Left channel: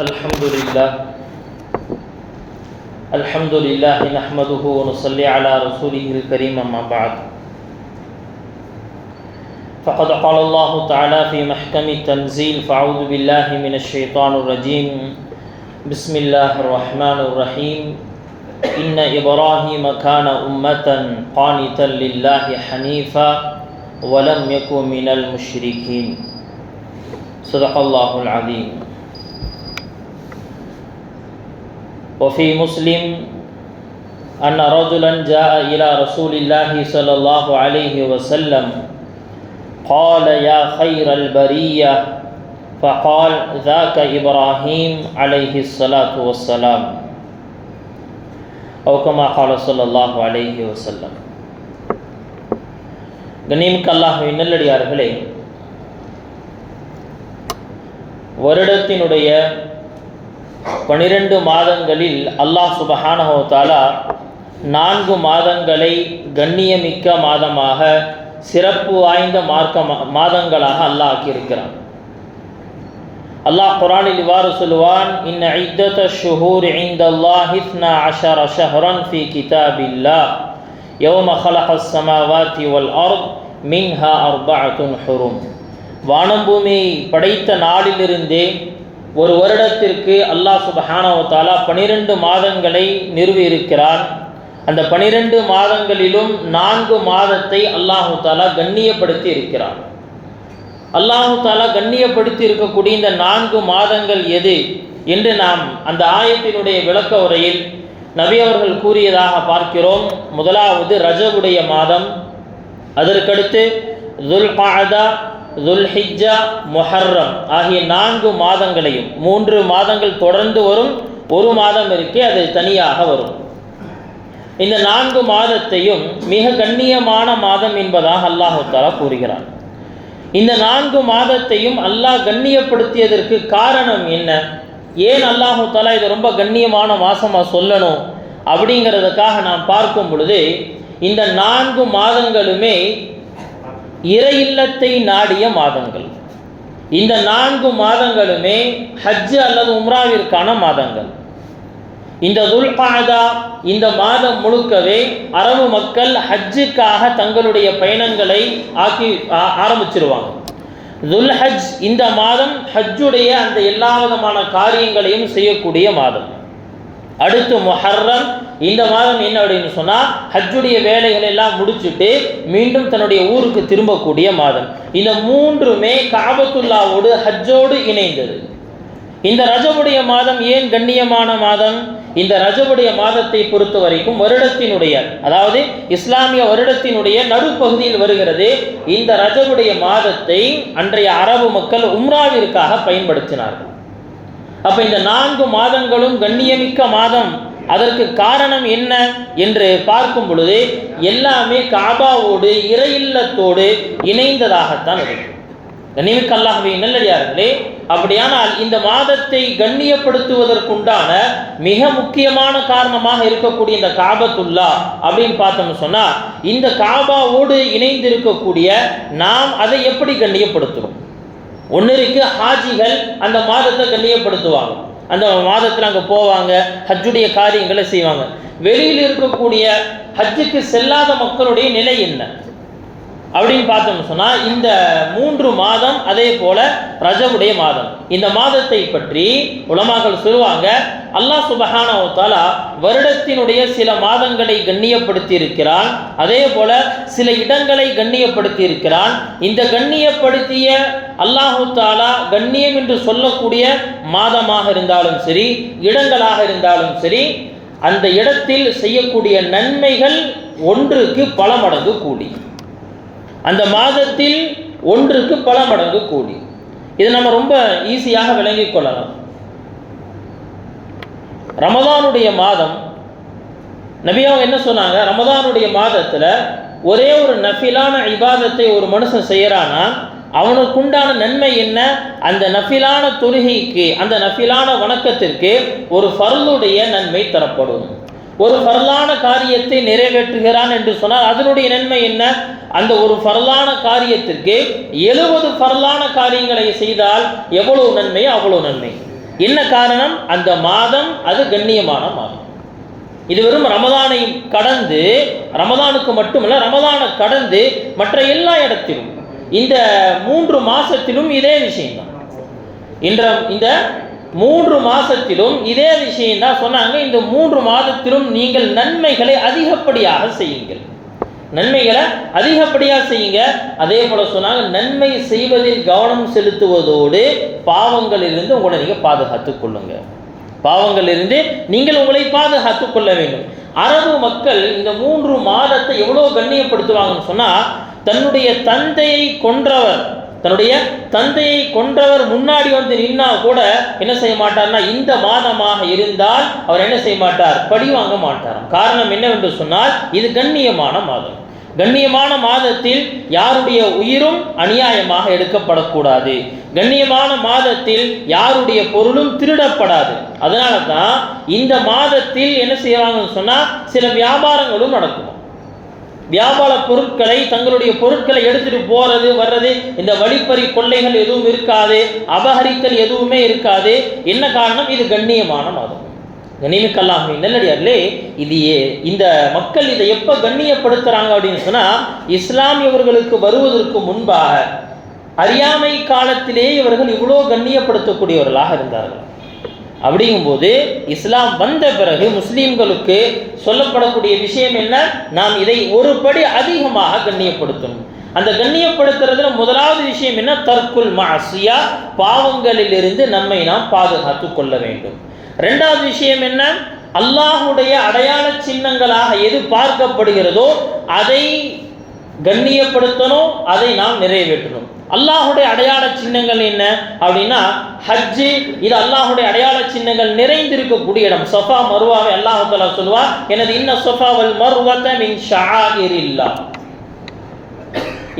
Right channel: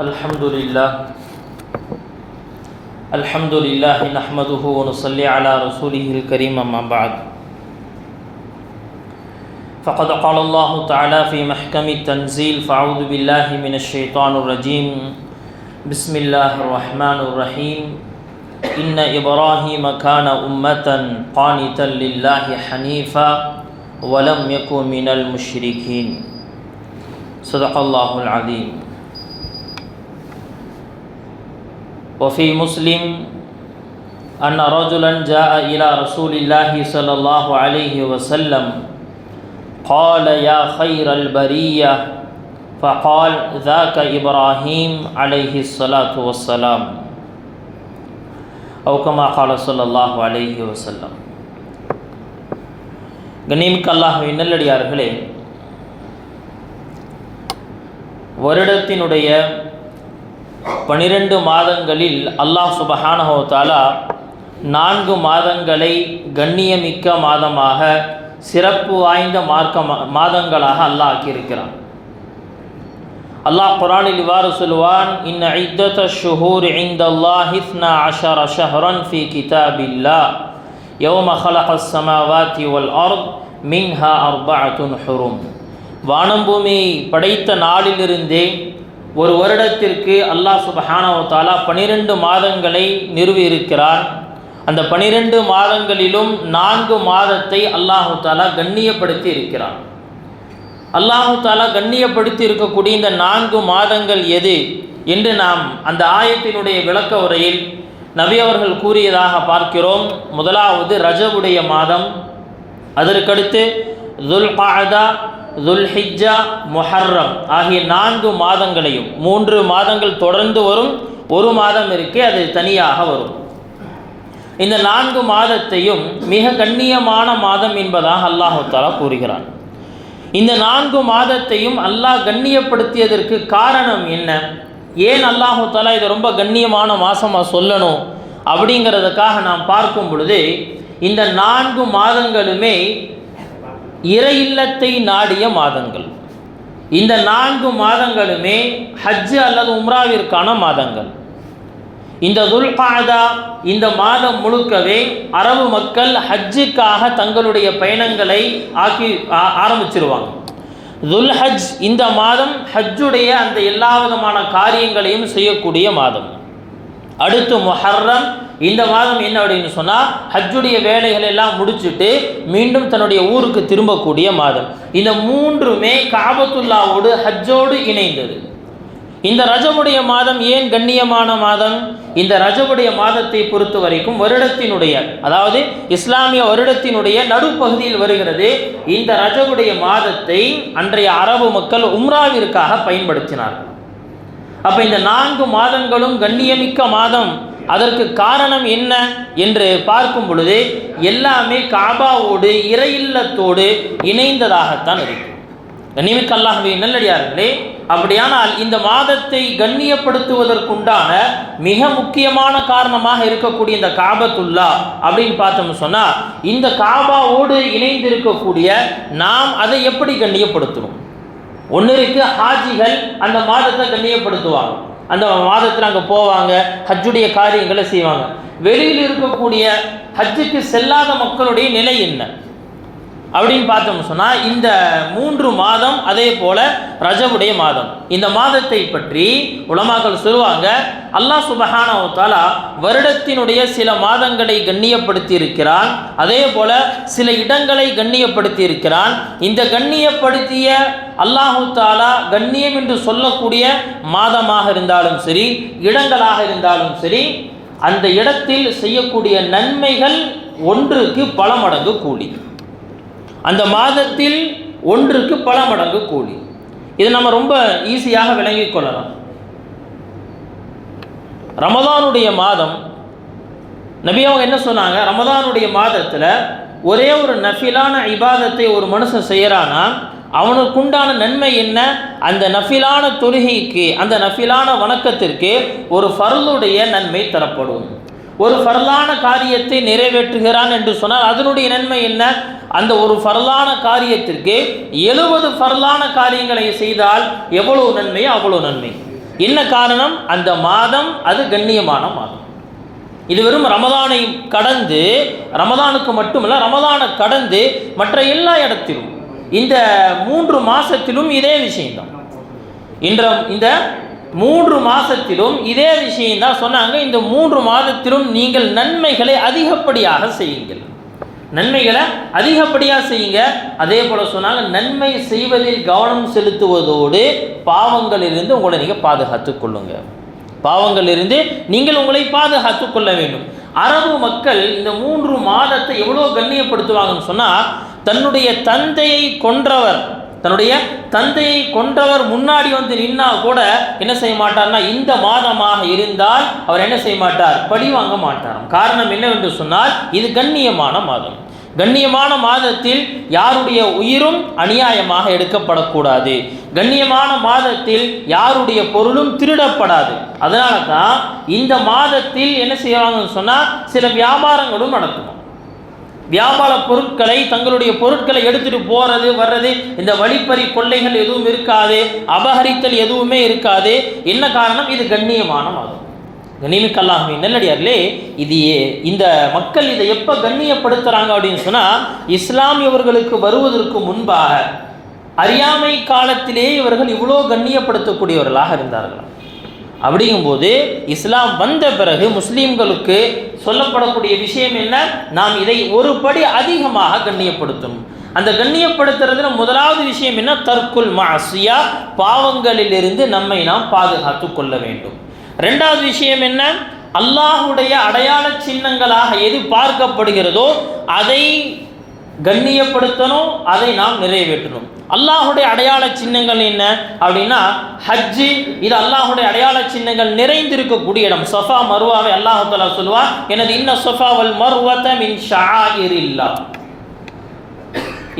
الحمد لله نحمده ونصلي على رسوله الكريم أما بعد فقد قال الله تعالى في محكم التنزيل فأعوذ بالله من الشيطان الرجيم بسم الله الرحمن الرحيم إن إبراهيم كان أمة قانتا لله حنيفا ولم يكن من المشركين صدق الله العظيم. وفي مسلم أن رجلا جاء إلى رسول الله صلى الله عليه وسلم قال يا خير البرية فقال ذاك إبراهيم عليه الصلاة والسلام أو كما قال صلى الله عليه وسلم. கண்ணியமிக்க அல்லாஹ்வின் நல்லடியார்களே, வருடத்தினுடைய 12 மாதங்களில் அல்லாஹ் சுப்ஹானஹு வ தஆலா 4 மாதங்களை கண்ணியமிக்க மாதமாக, சிறப்பு வாய்ந்த மாதங்களாக அல்லாஹ் ஆக்கியிருக்கிறான். அல்லாஹ் குர்ஆனில் இவ்வாறு சொல்வான், இன்ன இத்தத ஷுஹூர் இன்தல்லாஹி 12 ஷஹ்ரன் ஃபீ கிதாபில்லாஹ் யௌம ஹலகஸ் ஸமாவாதி வல் அர்த் மின்ஹா அர்பஅத்துன் ஹுரும். வானம் பூமியை படைத்த நாளிலிருந்தே ஒரு வருடத்திற்கு அல்லாஹ் சுப்ஹானஹு வ தஆலா 12 மாதங்களை நிறுவியிருக்கிறான். அந்த 12 மாதங்களிலும் 4 மாதத்தை அல்லாஹு தஆலா கண்ணியப்படுத்தி இருக்கிறான். அல்லாஹு தஆலா கண்ணியப்படுத்தி இருக்கக்கூடிய இந்த 4 மாதங்கள் எது என்று நாம் அந்த ஆயத்தினுடைய விளக்க உரையில் நபி அவர்கள் கூறியதாக பார்க்கிறோம். முதலாவது ரஜபுடைய மாதம், அதற்கடுத்து துல்காஅதா, துல்ஹிஜ்ஜா, முஹர்ரம் ஆகிய 4 மாதங்களையும், 3 மாதங்கள் தொடர்ந்து வரும், ஒரு மாதம் இருக்கே அது தனியாக வரும். இந்த 4 மாதத்தையும் மிக கண்ணியமான மாதம் என்பதாக அல்லாஹு தஆலா கூறுகிறான். இந்த 4 மாதத்தையும் அல்லாஹ் கண்ணியப்படுத்தியதற்கு காரணம் என்ன? ஏன் அல்லாஹு தஆலா இதை ரொம்ப கண்ணியமான மாதமாக சொல்லணும் அப்படிங்கிறதுக்காக நாம் பார்க்கும் பொழுது, இந்த 4 மாதங்களுமே இறை இல்லத்தை நாடிய மாதங்கள். இந்த 4 மாதங்களுமே ஹஜ் அல்லது உம்ராவிற்கான மாதங்கள். இந்த துல்காஅதா இந்த மாதம் முழுக்கவே அரபு மக்கள் ஹஜ்ஜுக்காக தங்களுடைய பயணங்களை ஆரம்பிச்சிருவாங்க. துல்ஹஜ் இந்த மாதம் ஹஜ்ஜுடைய அந்த எல்லா விதமான காரியங்களையும் செய்யக்கூடிய மாதம். அடுத்து முஹர்ரம் இந்த மாதம் என்ன அப்படின்னு சொன்னால், ஹஜ்ஜுடைய வேலைகளை எல்லாம் முடிச்சுட்டு மீண்டும் தன்னுடைய ஊருக்கு திரும்பக்கூடிய மாதம். இந்த 3மே காபத்துல்லாவோடு ஹஜ்ஜோடு இணைந்தது. இந்த ரஜபுடைய மாதம் ஏன் கண்ணியமான மாதம்? இந்த ரஜபுடைய மாதத்தை பொறுத்த வரைக்கும் வருடத்தினுடைய, அதாவது இஸ்லாமிய வருடத்தினுடைய நடுப்பகுதியில் வருகிறது. இந்த ரஜபுடைய மாதத்தை அன்றைய அரபு மக்கள் உம்ராவிற்காக பயன்படுத்தினார்கள். அப்போ இந்த 4 மாதங்களும் கண்ணியமிக்க மாதம். அதற்கு காரணம் என்ன என்று பார்க்கும் பொழுது, எல்லாமே காபாவோடு இறை இல்லத்தோடு இணைந்ததாகத்தான் இருக்கும். கண்ணியமிக்க அல்லாஹ்வின் நல்லடியார்களே, அப்படியானால் இந்த மாதத்தை கண்ணியப்படுத்துவதற்குண்டான மிக முக்கியமான காரணமாக இருக்கக்கூடிய இந்த காபத்துல்லா அப்படின்னு பார்த்தோம்னு சொன்னால், இந்த காபாவோடு இணைந்திருக்கக்கூடிய நாம் அதை எப்படி கண்ணியப்படுத்தணும்? ஒன்று இருக்கு, ஹாஜிகள் அந்த மாதத்தை கண்ணியப்படுத்துவாங்க, அந்த மாதத்தில் அங்கே போவாங்க, ஹஜ்ஜுடைய காரியங்களை செய்வாங்க. வெளியில் இருக்கக்கூடிய ஹஜ்ஜுக்கு செல்லாத மக்களுடைய நிலை என்ன அப்படின்னு பார்த்தோம்னு சொன்னால், இந்த 3 மாதம் அதே போல ரஜபுடைய மாதம். இந்த மாதத்தை பற்றி உலமாக்கள் சொல்லுவாங்க, அல்லாஹ் சுப்ஹானஹு வ தஆலா வருடத்தினுடைய சில மாதங்களை கண்ணியப்படுத்தி இருக்கிறான், அதே போல சில இடங்களை கண்ணியப்படுத்தி இருக்கிறான். இந்த கண்ணியப்படுத்திய அல்லாஹு தஆலா கண்ணியம் என்று சொல்லக்கூடிய மாதமாக இருந்தாலும் சரி, இடங்களாக இருந்தாலும் சரி, அந்த இடத்தில் செய்யக்கூடிய நன்மைகள் ஒன்றுக்கு பல மடங்கு கூலி. அந்த மாதத்தில் ஒன்றுக்கு பல மடங்கு கூலி. இதை நம்ம ரொம்ப ஈஸியாக விளங்கிக் கொள்ளலாம். ரமதானுடைய மாதம், நபி அவங்க என்ன சொன்னாங்க? ரமதானுடைய மாதத்தில் ஒரே ஒரு நஃபிலான இபாதத்தை ஒரு மனுஷன் செய்கிறானா அவனுக்குண்டான நன்மை என்ன? அந்த நஃபிலான தொழுகைக்கு, அந்த நஃபிலான வணக்கத்திற்கு ஒரு ஃபர்லுடைய நன்மை தரப்படும். ஒரு ஃபர்லான காரியத்தை நிறைவேற்றுகிறான் என்று சொன்னால் அதனுடைய நன்மை என்ன? அந்த ஒரு ஃபர்லான காரியத்திற்கு 70 ஃபர்லான காரியங்களை செய்தால் எவ்வளவு நன்மை, அவ்வளவு நன்மை. என்ன காரணம்? அந்த மாதம் அது கண்ணியமான மாதம். இது வெறும் ரமதானை கடந்து, ரமதானுக்கு மட்டுமல்ல, ரமதானை கடந்து மற்ற எல்லா இடத்திலும் இந்த 3 மாசத்திலும் இதே விஷயம்தான். இந்த 3 மாசத்திலும் இதே விஷயம் தான் சொன்னாங்க. இந்த 3 மாதத்திலும் நீங்கள் நன்மைகளை அதிகப்படியாக செய்யுங்கள், நன்மைகளை அதிகப்படியாக செய்யுங்க. அதே போல சொன்னாங்க, நன்மை செய்வதில் கவனம் செலுத்துவதோடு பாவங்களிலிருந்து உங்களை நீங்கள் பாதுகாத்துக் கொள்ளுங்க. பாவங்களிலிருந்து நீங்கள் உங்களை பாதுகாத்துக் கொள்ள வேண்டும். அரபு மக்கள் இந்த 3 மாதத்தை எவ்வளோ கண்ணியப்படுத்துவாங்கன்னு சொன்னால், தன்னுடைய தந்தையை கொன்றவர் முன்னாடி வந்து நின்னா கூட என்ன செய்ய மாட்டார்னா, இந்த மாதமாக இருந்தால் அவர் என்ன செய்ய மாட்டார்? பழி வாங்க மாட்டார். காரணம் என்னவென்று சொன்னால், இது கண்ணியமான மாதம். கண்ணியமான மாதத்தில் யாருடைய உயிரும் அநியாயமாக எடுக்கப்படக்கூடாது. கண்ணியமான மாதத்தில் யாருடைய பொருளும் திருடப்படாது. அதனால தான் இந்த மாதத்தில் என்ன செய்வாங்கன்னு சொன்னால், சில வியாபாரங்களும் நடக்கும். வியாபார பொருட்களை, தங்களுடைய பொருட்களை எடுத்துட்டு போறது வர்றது, இந்த வழிப்பறி கொள்ளைகள் எதுவும் இருக்காது, அபகரித்தல் எதுவுமே இருக்காது. என்ன காரணம்? இது கண்ணியமான மாதம். கண்ணியமிக்கல்லாமே நல்லடியார்களே, இது இந்த மக்கள் இதை எப்போ கண்ணியப்படுத்துகிறாங்க அப்படின்னு சொன்னால், இஸ்லாமியவர்களுக்கு வருவதற்கு முன்பாக அறியாமை காலத்திலே இவர்கள் இவ்வளோ கண்ணியப்படுத்தக்கூடியவர்களாக இருந்தார்கள். அப்படிங்கும்போது இஸ்லாம் வந்த பிறகு முஸ்லீம்களுக்கு சொல்லப்படக்கூடிய விஷயம் என்ன? நாம் இதை ஒரு படி அதிகமாக கண்ணியப்படுத்தணும். அந்த கண்ணியப்படுத்துறதுல முதலாவது விஷயம் என்ன? தர்க்குல் மஅசியா, பாவங்களிலிருந்து நம்மை நாம் பாதுகாத்து கொள்ள வேண்டும். ரெண்டாவது விஷயம் என்ன? அல்லாஹுடைய அடையாள சின்னங்களாக எது பார்க்கப்படுகிறதோ அதை கண்ணியப்படுத்தணும், அதை நாம் நிறைவேற்றணும். அல்லாஹுடைய அடையாள சின்னங்கள் என்ன அப்படின்னா, ஹஜ்ஜு, இது அல்லாஹுடைய அடையாள சின்னங்கள் நிறைந்திருக்கக்கூடிய இடம். சஃபா மருவாவை அல்லாஹ் தஆலா சொல்வார், எனது இன்ன ஸஃபா வல் மர்வத மின் ஷஆயிரில்லாஹ்.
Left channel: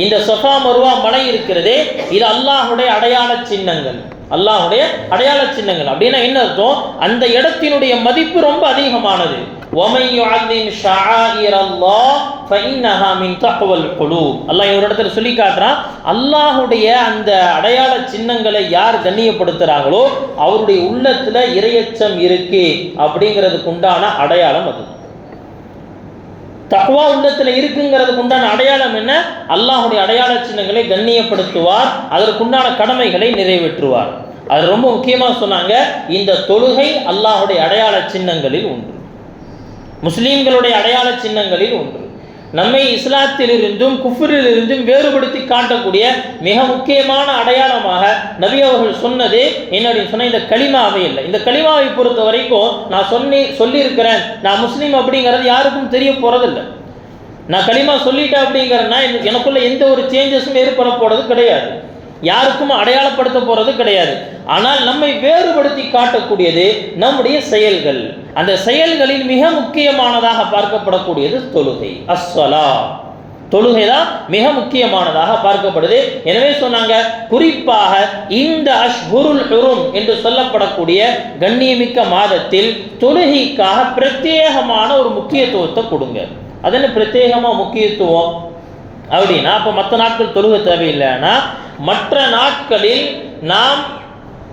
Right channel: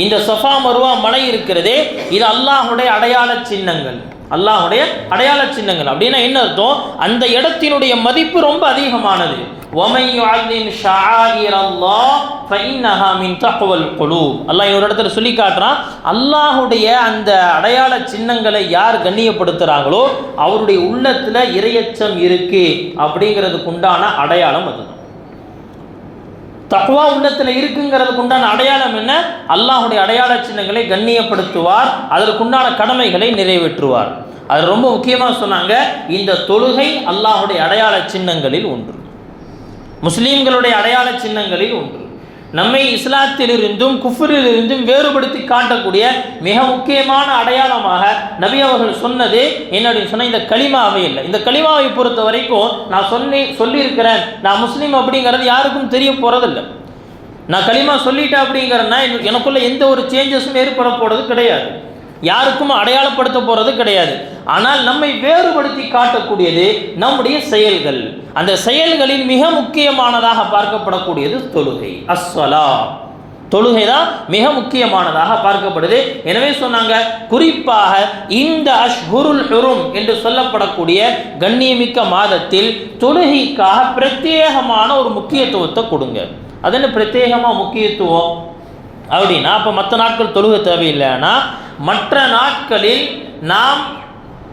இந்த சஃபா மருவா மலை இருக்கிறதே, இது அல்லாஹுடைய அடையாள சின்னங்கள். அல்லாஹுடைய அடையாள சின்னங்கள் அப்படின்னா என்ன அர்த்தம்? அந்த இடத்தினுடைய மதிப்பு ரொம்ப அதிகமானது. وَمَنْ يُعَظِّمْ شَعَائِرَ اللَّهِ فَإِنَّهَا مِنْ تَقْوَى الْقُلُوبِ. அல்லாஹ் ஒரு இடத்துல சொல்லி காட்டுறான், அல்லாஹுடைய அந்த அடையாள சின்னங்களை யார் கண்ணியப்படுத்துகிறாங்களோ அவருடைய உள்ளத்துல இறையச்சம் இருக்கு அப்படிங்கிறதுக்கு உண்டான அடையாளம் அது. தக்வா உள்ளத்தில் இருக்குங்கிறதுக்கு உண்டான அடையாளம் என்ன? அல்லாஹுடைய அடையாள சின்னங்களை கண்ணியப்படுத்துவார், அதற்குண்டான கடமைகளை நிறைவேற்றுவார். அது ரொம்ப முக்கியமாக சொன்னாங்க. இந்த தொழுகை அல்லாஹுடைய அடையாள சின்னங்களில் ஒன்று, முஸ்லீம்களுடைய அடையாள சின்னங்களில் ஒன்று. நம்மை இஸ்லாத்திலிருந்தும் குஃப்ரிலிருந்தும் வேறுபடுத்தி காட்டக்கூடிய மிக முக்கியமான அடையாளமாக நபி அவர்கள் சொன்னது என்ன அப்படின்னு சொன்னால், இந்த கலிமாவே இல்லை. இந்த கலிமாவை பொறுத்த வரைக்கும் நான் சொல்லியிருக்கிறேன், நான் முஸ்லீம் அப்படிங்கிறது யாருக்கும் தெரிய போகிறதில்லை. நான் கலிமா சொல்லிட்டேன் அப்படிங்கிறேன்னா எனக்குள்ள எந்த ஒரு சேஞ்சஸும் ஏற்பட போகிறது கிடையாது, யாருக்கும் அடையாளப்படுத்த போகிறது கிடையாது. ஆனால் நம்மை வேறுபடுத்தி காட்டக்கூடியது நம்முடைய செயல்கள். அந்த செயல்களில் மிக முக்கியமானதாக பார்க்கப்படக்கூடியது தொழுகை. அஸ்ஸலா, தொழுகை தான் மிக முக்கியமானதாக பார்க்கப்படுது. எனவே சொன்னாங்க, குறிப்பாக இந்த அஷ்ஹுருல் ஹுரும் என்று சொல்லப்படக்கூடிய கண்ணியமிக்க மாதத்தில் தொழுகைக்காக பிரத்யேகமான ஒரு முக்கியத்துவத்தை கொடுங்க. அது என்ன பிரத்யேகமாக முக்கியத்துவம் அப்படின்னா, அப்போ மற்ற நாட்கள் தொழுகை தேவையில்லைன்னா, மற்ற நாட்களில் நாம்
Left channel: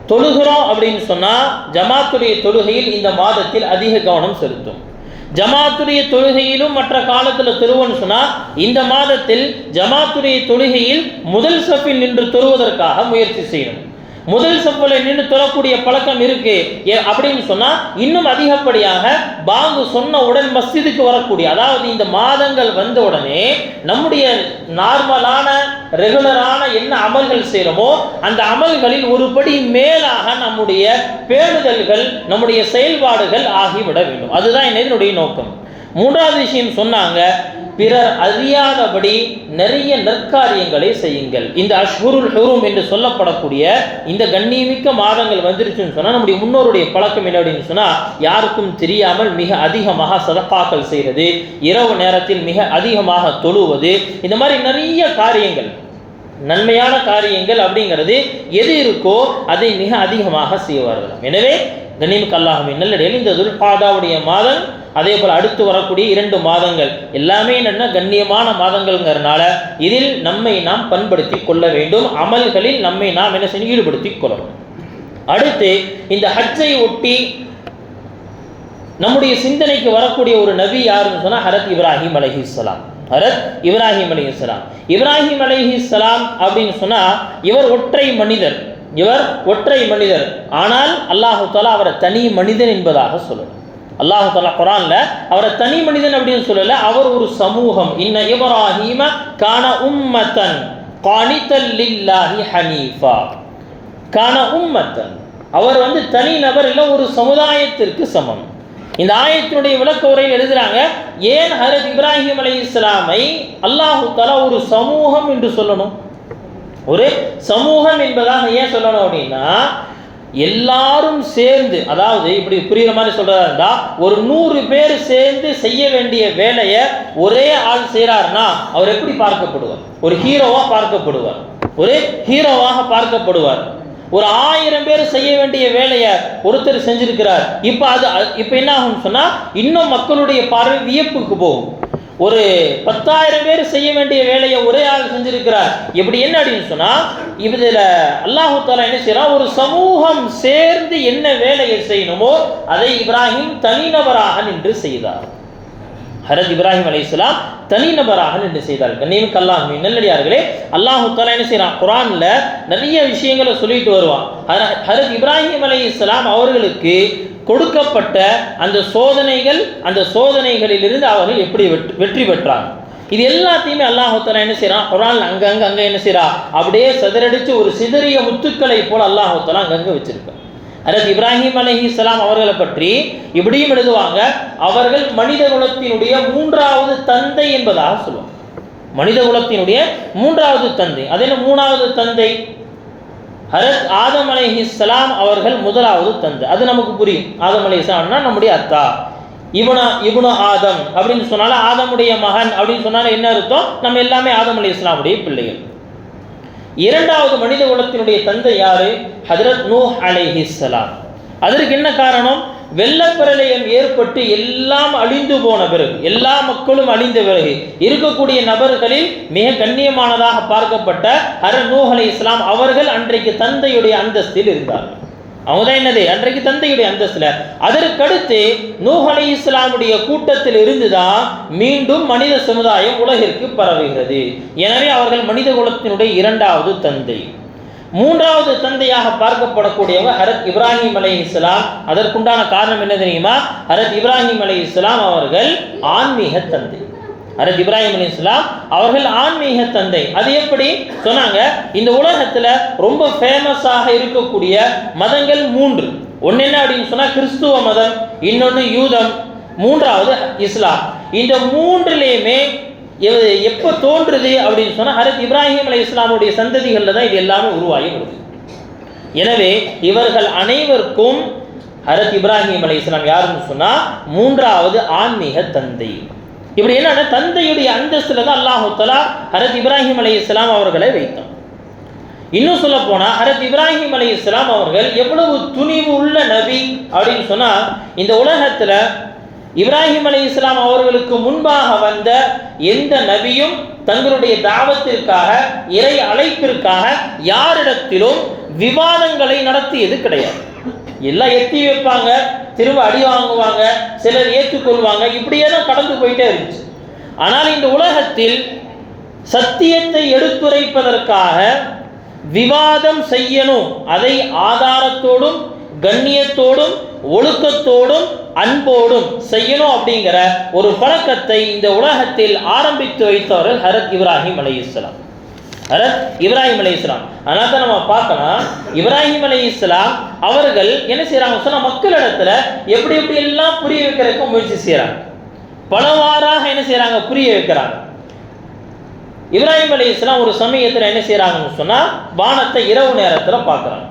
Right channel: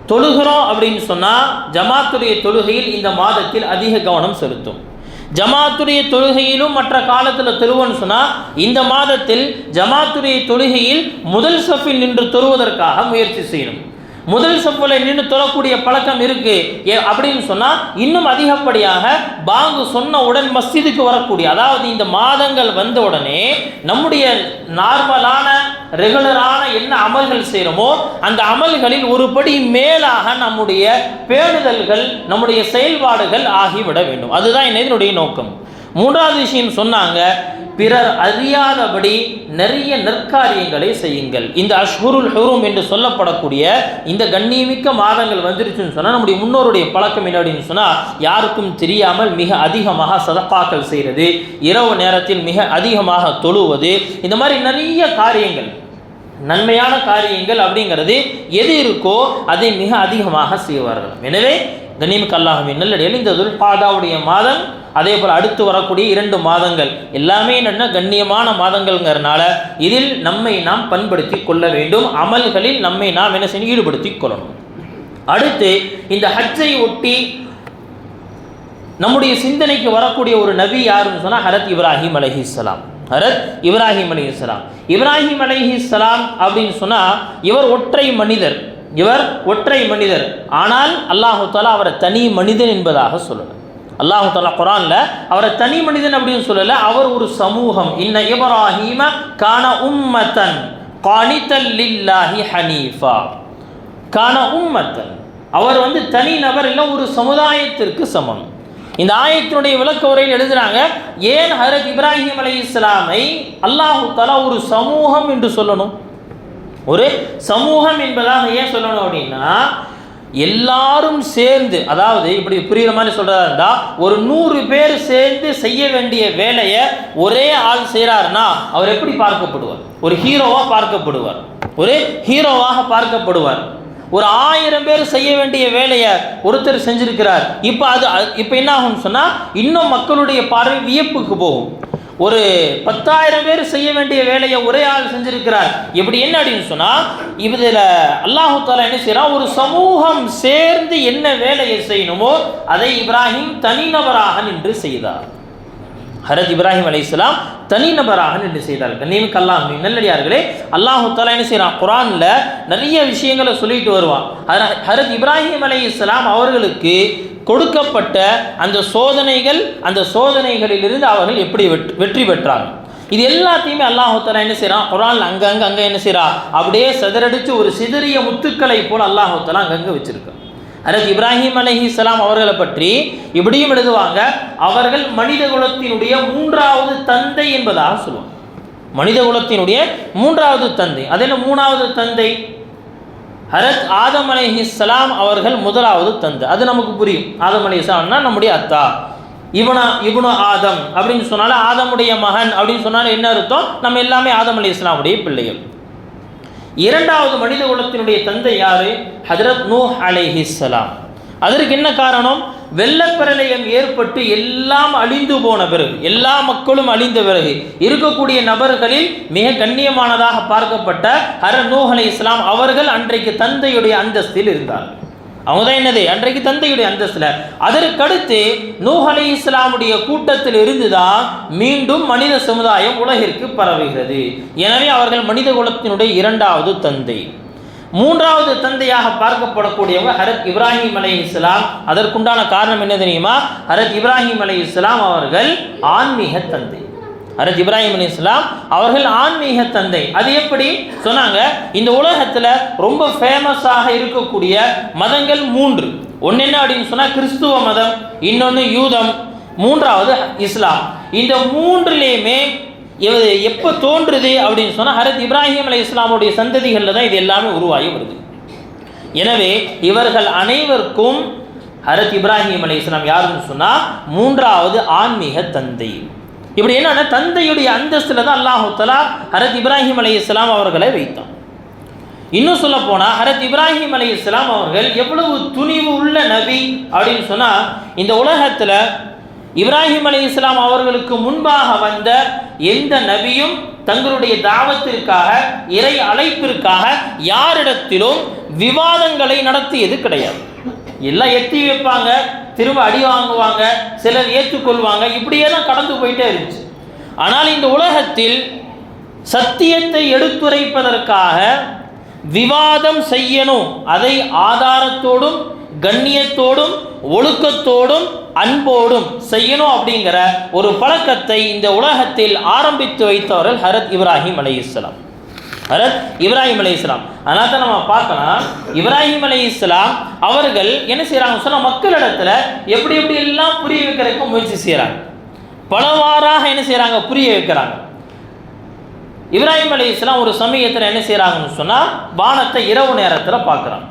தொழுகிறோம் அப்படின்னு சொன்னால் ஜமாத்துடைய தொழுகையில் இந்த மாதத்தில் அதிக கவனம் செலுத்தும். ஜமாத்துடைய தொழுகையிலும் மற்ற காலத்தில் தொழுவோன்னு சொன்னால் இந்த மாதத்தில் ஜமாத்துடைய தொழுகையில் முதல் சஃபில் நின்று தொழுவதற்காக முயற்சி செய்யணும். முதல் சஃபில் நின்று தொழக்கூடிய பழக்கம் இருக்கு அப்படின்னு சொன்னால் இன்னும் அதிகப்படியாக பாங்கு சொன்ன உடன் மஸ்ஜிதுக்கு வரக்கூடிய, அதாவது இந்த மாதங்கள் வந்த உடனே நம்முடைய நார்மலான ரெகுலரான என்ன அமல்கள் செய்கிறோமோ அந்த அமல்களில் ஒரு படி மேலாக நம்முடைய பேணுதல்கள், நம்முடைய செயல்பாடுகள் ஆகிவிட வேண்டும். அதுதான் என்னுடைய நோக்கம். மூன்றாவது விஷயம் சொன்னாங்க, பிறர் அறியாதபடி நிறைய நற்காரியங்களை செய்யுங்கள். இந்த அஷ்ஹுருல் ஹுரும் என்று சொல்லப்படக்கூடிய இந்த கண்ணியமிக்க மாதங்கள் வந்துருச்சுன்னு சொன்னால் நம்முடைய முன்னோருடைய பழக்கம் என்ன அப்படின்னு சொன்னால், யாருக்கும் தெரியாமல் மிக அதிகமாக சதகாக்கள் செய்கிறது, இரவு நேரத்தில் மிக அதிகமாக தொழுவது, இந்த மாதிரி நிறைய காரியங்கள், நன்மையான காரியங்கள் அப்படிங்கிறது எது இருக்கோ அதை மிக அதிகமாக செய்வார்கள். எனவே கண்ணியமிக்க அல்லாஹ்வின் நல்லடியார்களே, இந்த துல்காதாவுடைய மாதம், அதே போல் அடுத்து வரக்கூடிய 2 மாதங்கள் எல்லாமே என்னென்னா கண்ணியமான மாதங்கள்ங்கிறதுனால இதில் நம்மை நாம் பண்படுத்தி கொள்ள வேண்டும். அமல்களில் நம்மை நாம் என்ன செய்யணும்? ஈடுபடுத்தி கொள்ளணும். அடுத்து இந்த ஹஜ்ஜை ஒட்டி நம்முடைய சிந்தனைக்கு வரக்கூடிய ஒரு நபி யாருன்னு சொன்னால் ஹரத் இப்ராஹிம் அலைஹிஸ்ஸலாம். ஹரத் இப்ராஹிம் அலைஹிஸ்ஸலாம். இப்ராஹிம் அலைஹிஸ்ஸலாம் அப்படின்னு சொன்னால் இவர் ஒற்றை மனிதர். ஆனால் அல்லாஹு தஆலா அவரை தனி மனிதன் என்பதாக சொல்லலை. அல்லாஹு தஆலா குர்ஆனில் அவரை தனி மனிதன் அப்படின்னு சொல்லலை, அவர் ஒரு சமூகம். இன்ன இப்ராஹீம கான உம்மத்தன் கானிதல் லில்லாஹி ஹனீஃபா. கான உம்மத்தன், அவர் தனி நபர் இல்லை, ஒரு சமுதாயத்திற்கு சமம். இந்த ஆயத்தினுடைய விளக்க உரையில் எழுதுறாங்க, ஏன் ஹஜ்ரத் இப்ராஹிம் அலைஹிஸ்ஸலாமை அல்லாஹு தஆலா ஒரு சமூகம் என்று சொல்லணும்? ஒரு சமூகம் என்பதாக ஏன் சொல்லணும் அப்படின்னா, எல்லாரும் சேர்ந்து, அதாவது இப்படி புரியுற மாதிரி சொல்றதா இருந்தா, ஒரு 100 பேர் சேர்ந்து செய்ய வேண்டிய வேலையை ஒரே ஆள் செய்யறாருன்னா அவர் எப்படி பார்க்கப்படுவார்? ஒரு ஹீரோவாக பார்க்கப்படுவார். ஒரு 1000 பேர் செய்ய வேண்டிய வேலையை ஒருத்தர் செஞ்சிருக்கிறார். இப்போ என்ன ஆகும் சொன்னா, இன்னும் மக்களுடைய பார்வை வியப்புக்கு போகும். ஒரு 10,000 பேர் செய்ய வேண்டிய வேலையை ஒரே ஆள் செஞ்சிருக்கிறார். எப்படி என்ன அப்படின்னு சொன்னா, இதில் அல்லாஹு தஆலா என்ன செய்யறான், ஒரு சமூகம் சேர்ந்து என்ன வேலையை செய்யணுமோ அதை இப்ராஹிம் தனிநபராக நின்று செய்தார். ஹஜ்ரத் இப்ராஹிம் அலைஹிஸ்ஸலாம் தனிநபராக நின்று செய்தார். கண்ணியமிக்க அல்லாஹ்வின் நல்லடியார்களே, அல்லாஹு தஆலா என்ன செய்யறான், குர்ஆன்ல நிறைய விஷயங்களை சொல்லிட்டு வருவான். ஹஜ்ரத் இப்ராஹிம் அலைஹிஸ்ஸலாம் அவர்களுக்கு கொடுக்கப்பட்ட அந்த சோதனைகளிலிருந்து அவர்கள் எப்படி வெற்றி பெற்றாங்க, இது எல்லாத்தையுமே அல்லாஹு தஆலா என்ன செய்யறான், குர்ஆன்ல அங்க என்ன செய்யறான், அப்படியே சிதறடிச்சு ஒரு சிதறிய முத்துக்களை போல அல்லாஹு தஆலா அங்கங்க வச்சிருக்கான். ஹஜ்ரத் இப்ராஹிம் அலைஹிஸ்ஸலாம் அவர்களை பற்றி இப்படியும் எழுதுவாங்க, அவர்கள் மனித குலத்தினுடைய 3வது தந்தை என்பதாக சொல்லுவாங்க. மனித குலத்தினுடைய 3வது தந்தை. அது என்ன 3வது தந்தை? ஹஜ்ரத் ஆதம் அலைஹிஸ்ஸலாம் அவர்கள் 1வது தந்தை. அது நமக்கு புரியும். ஆதம் அலைஹிஸ்ஸலாம்னா நம்முடைய அத்தா. இப்னு ஆதம் அப்படின்னு சொன்னாலும், ஆதமுடைய மகன் அப்படின்னு சொன்னாலும் என்ன அர்த்தம்? நம்ம எல்லாமே ஆதம் அலைஹிஸ்ஸலாமுடைய பிள்ளைகள். 2வது மனித குலத்தினுடைய தந்தை யாரு? ஹஜ்ரத் நூஹ் அலைஹிஸ்ஸலாம். அதற்கு என்ன காரணம்? வெள்ளப்பிரளயம் ஏற்பட்டு எல்லாம் அழிந்து போன பிறகு, எல்லா மக்களும் அழிந்த பிறகு இருக்கக்கூடிய நபர்களில் மிக கண்ணியமானதாக பார்க்கப்பட்ட ஹஜ்ரத் நூஹ் அலைஹிஸ்ஸலாம் அவர்கள் அன்றைக்கு தந்தையுடைய அந்தஸ்தில் இருந்தார்கள். அவங்க தான் என்னது, அன்றைக்கு தந்தையுடைய அந்தஸ்தில். அதற்கடுத்து நூஹ் அலைஹிஸ்ஸலாமுடைய கூட்டத்தில் இருந்துதான் மீண்டும் மனித சமுதாயம் உலகிற்கு பரவுகிறது. எனவே அவர்கள் மனித குலத்தினுடைய 2வது தந்தை. 3வது தந்தையாக பார்க்கப்படக்கூடியவர் ஹஜ்ரத் இப்ராஹிம் அலைஹிஸ்ஸலாம். அதற்குண்டான காரணம் என்ன தெரியுமா? ஹஜ்ரத் இப்ராஹிம் அலைஹிஸ்ஸலாம் அவர்கள் ஆன்மீக தந்தை. ஹஜ்ரத் இப்ராஹிம் அலைஹிஸ்ஸலாம் அவர்கள் ஆன்மீக தந்தை. அது எப்படி சொன்னாங்க? இந்த உலகத்தில் ரொம்ப ஃபேமஸாக இருக்கக்கூடிய மதங்கள் 3. ஒன்று என்ன அப்படின்னு சொன்னால் கிறிஸ்துவ மதம், இன்னொன்று யூதம், 3வது இஸ்லாம். இந்த 3லேயுமே எப்போ தோன்றுது அப்படின்னு சொன்னால் ஹஜ்ரத் இப்ராஹிம் அலைஹிஸ்ஸலாமுடைய சந்ததிகளில் தான் இது எல்லாமே உருவாகி வருது. எனவே இவர்கள் அனைவருக்கும் ஹஜ்ரத் இப்ராஹிம் அலைஹிஸ்ஸலாம் யாருன்னு சொன்னால் 3வது ஆன்மீக தந்தை. இப்படி என்னன்னா, தந்தையுடைய அந்தஸ்தில் தான் அல்லாஹு தஆலா ஹஜ்ரத் இப்ராஹிம் அலைஹிஸ்ஸலாம் அவர்களை வைத்தான். இன்னும் சொல்ல போனால் ஹஜ்ரத் இப்ராஹிம் அலைஹிஸ்ஸலாம் அவர்கள் எவ்வளவு துணிவு உள்ள நபி அப்படின்னு சொன்னால், இந்த உலகத்தில் இப்ராஹிம் அலைஹிஸ்ஸலாம் அவர்களுக்கு முன்பாக வந்த எந்த நபியும் தங்களுடைய தாவத்திற்காக, இறை அழைப்பிற்காக யாரிடத்திலும் விவாதங்களை நடத்தியது கிடையாது. எல்லாம் எத்தி வைப்பாங்க, திரும்ப அடி வாங்குவாங்க, சிலர் ஏற்றுக்கொள்வாங்க, இப்படியே தான் கடந்து போயிட்டே இருந்துச்சு. ஆனால் இந்த உலகத்தில் சத்தியத்தை எடுத்துரைப்பதற்காக விவாதம் செய்யணும், அதை ஆதாரத்தோடும் கண்ணியத்தோடும் ஒழுக்கத்தோடும் அன்போடும் செய்யணும் அப்படிங்கிற ஒரு பழக்கத்தை இந்த உலகத்தில் ஆரம்பித்து வைத்தவர்கள் ஹஜ்ரத் இப்ராஹிம் அலைஹிஸ்ஸலாம். ஹஜ்ரத் இப்ராஹிம் அலைஹிஸ்ஸலாம். அதனால தான் நம்ம பார்க்கலாம், இப்ராஹிம் அலைஹிஸ்ஸலாம் அவர்கள் என்ன செய்யறாங்க சொன்னா, மக்களிடத்துல எப்படி எல்லாம் புரிய வைக்கிறதுக்கு முயற்சி செய்யறாங்க. பலவாறாக என்ன செய்யறாங்க, புரிய வைக்கிறாங்க. இப்ராஹிம் அலைஹிஸ்ஸலாம் ஒரு சமயத்தில் என்ன செய்யறாங்கன்னு சொன்னா, வானத்தை இரவு நேரத்தில் பார்க்குறாங்க.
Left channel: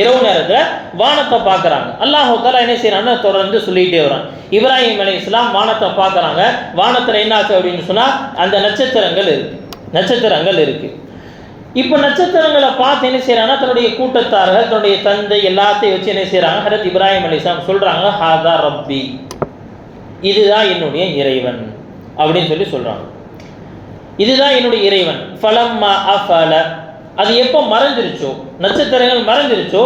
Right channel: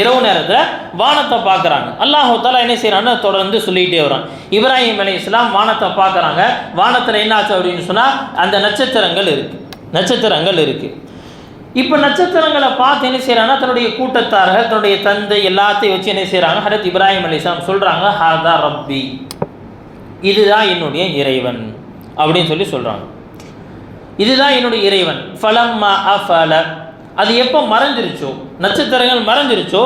இரவு நேரத்தில் வானத்தை பார்க்குறாங்க. அல்லாஹு தஆலா என்ன செய்யறான்னு தொடர்ந்து சொல்லிகிட்டே வரான். இப்ராஹிம் அலைஹிஸ்ஸலாம் வானத்தை பார்க்குறாங்க. வானத்தில் என்ன ஆச்சு அப்படின்னு சொன்னால், அந்த நட்சத்திரங்கள் இருக்கு. இப்போ நட்சத்திரங்களை பார்த்து என்ன செய்யறாங்கன்னா, தன்னுடைய கூட்டத்தார்கள், தன்னுடைய தந்தை எல்லாத்தையும் வச்சு என்ன செய்யறாங்க, ஹஜ்ரத் இப்ராஹிம் அலைஹிஸ்ஸலாம் சொல்றாங்க, ஹாதா ரப்பி, இதுதான் என்னுடைய இறைவன் அப்படின்னு சொல்லி சொல்றாங்க. இதுதான் என்னுடைய இறைவன். ஃபலம்மா அஃபல, அது எப்போ மறைஞ்சிருச்சோ, நட்சத்திரங்கள் மறைஞ்சிருச்சோ,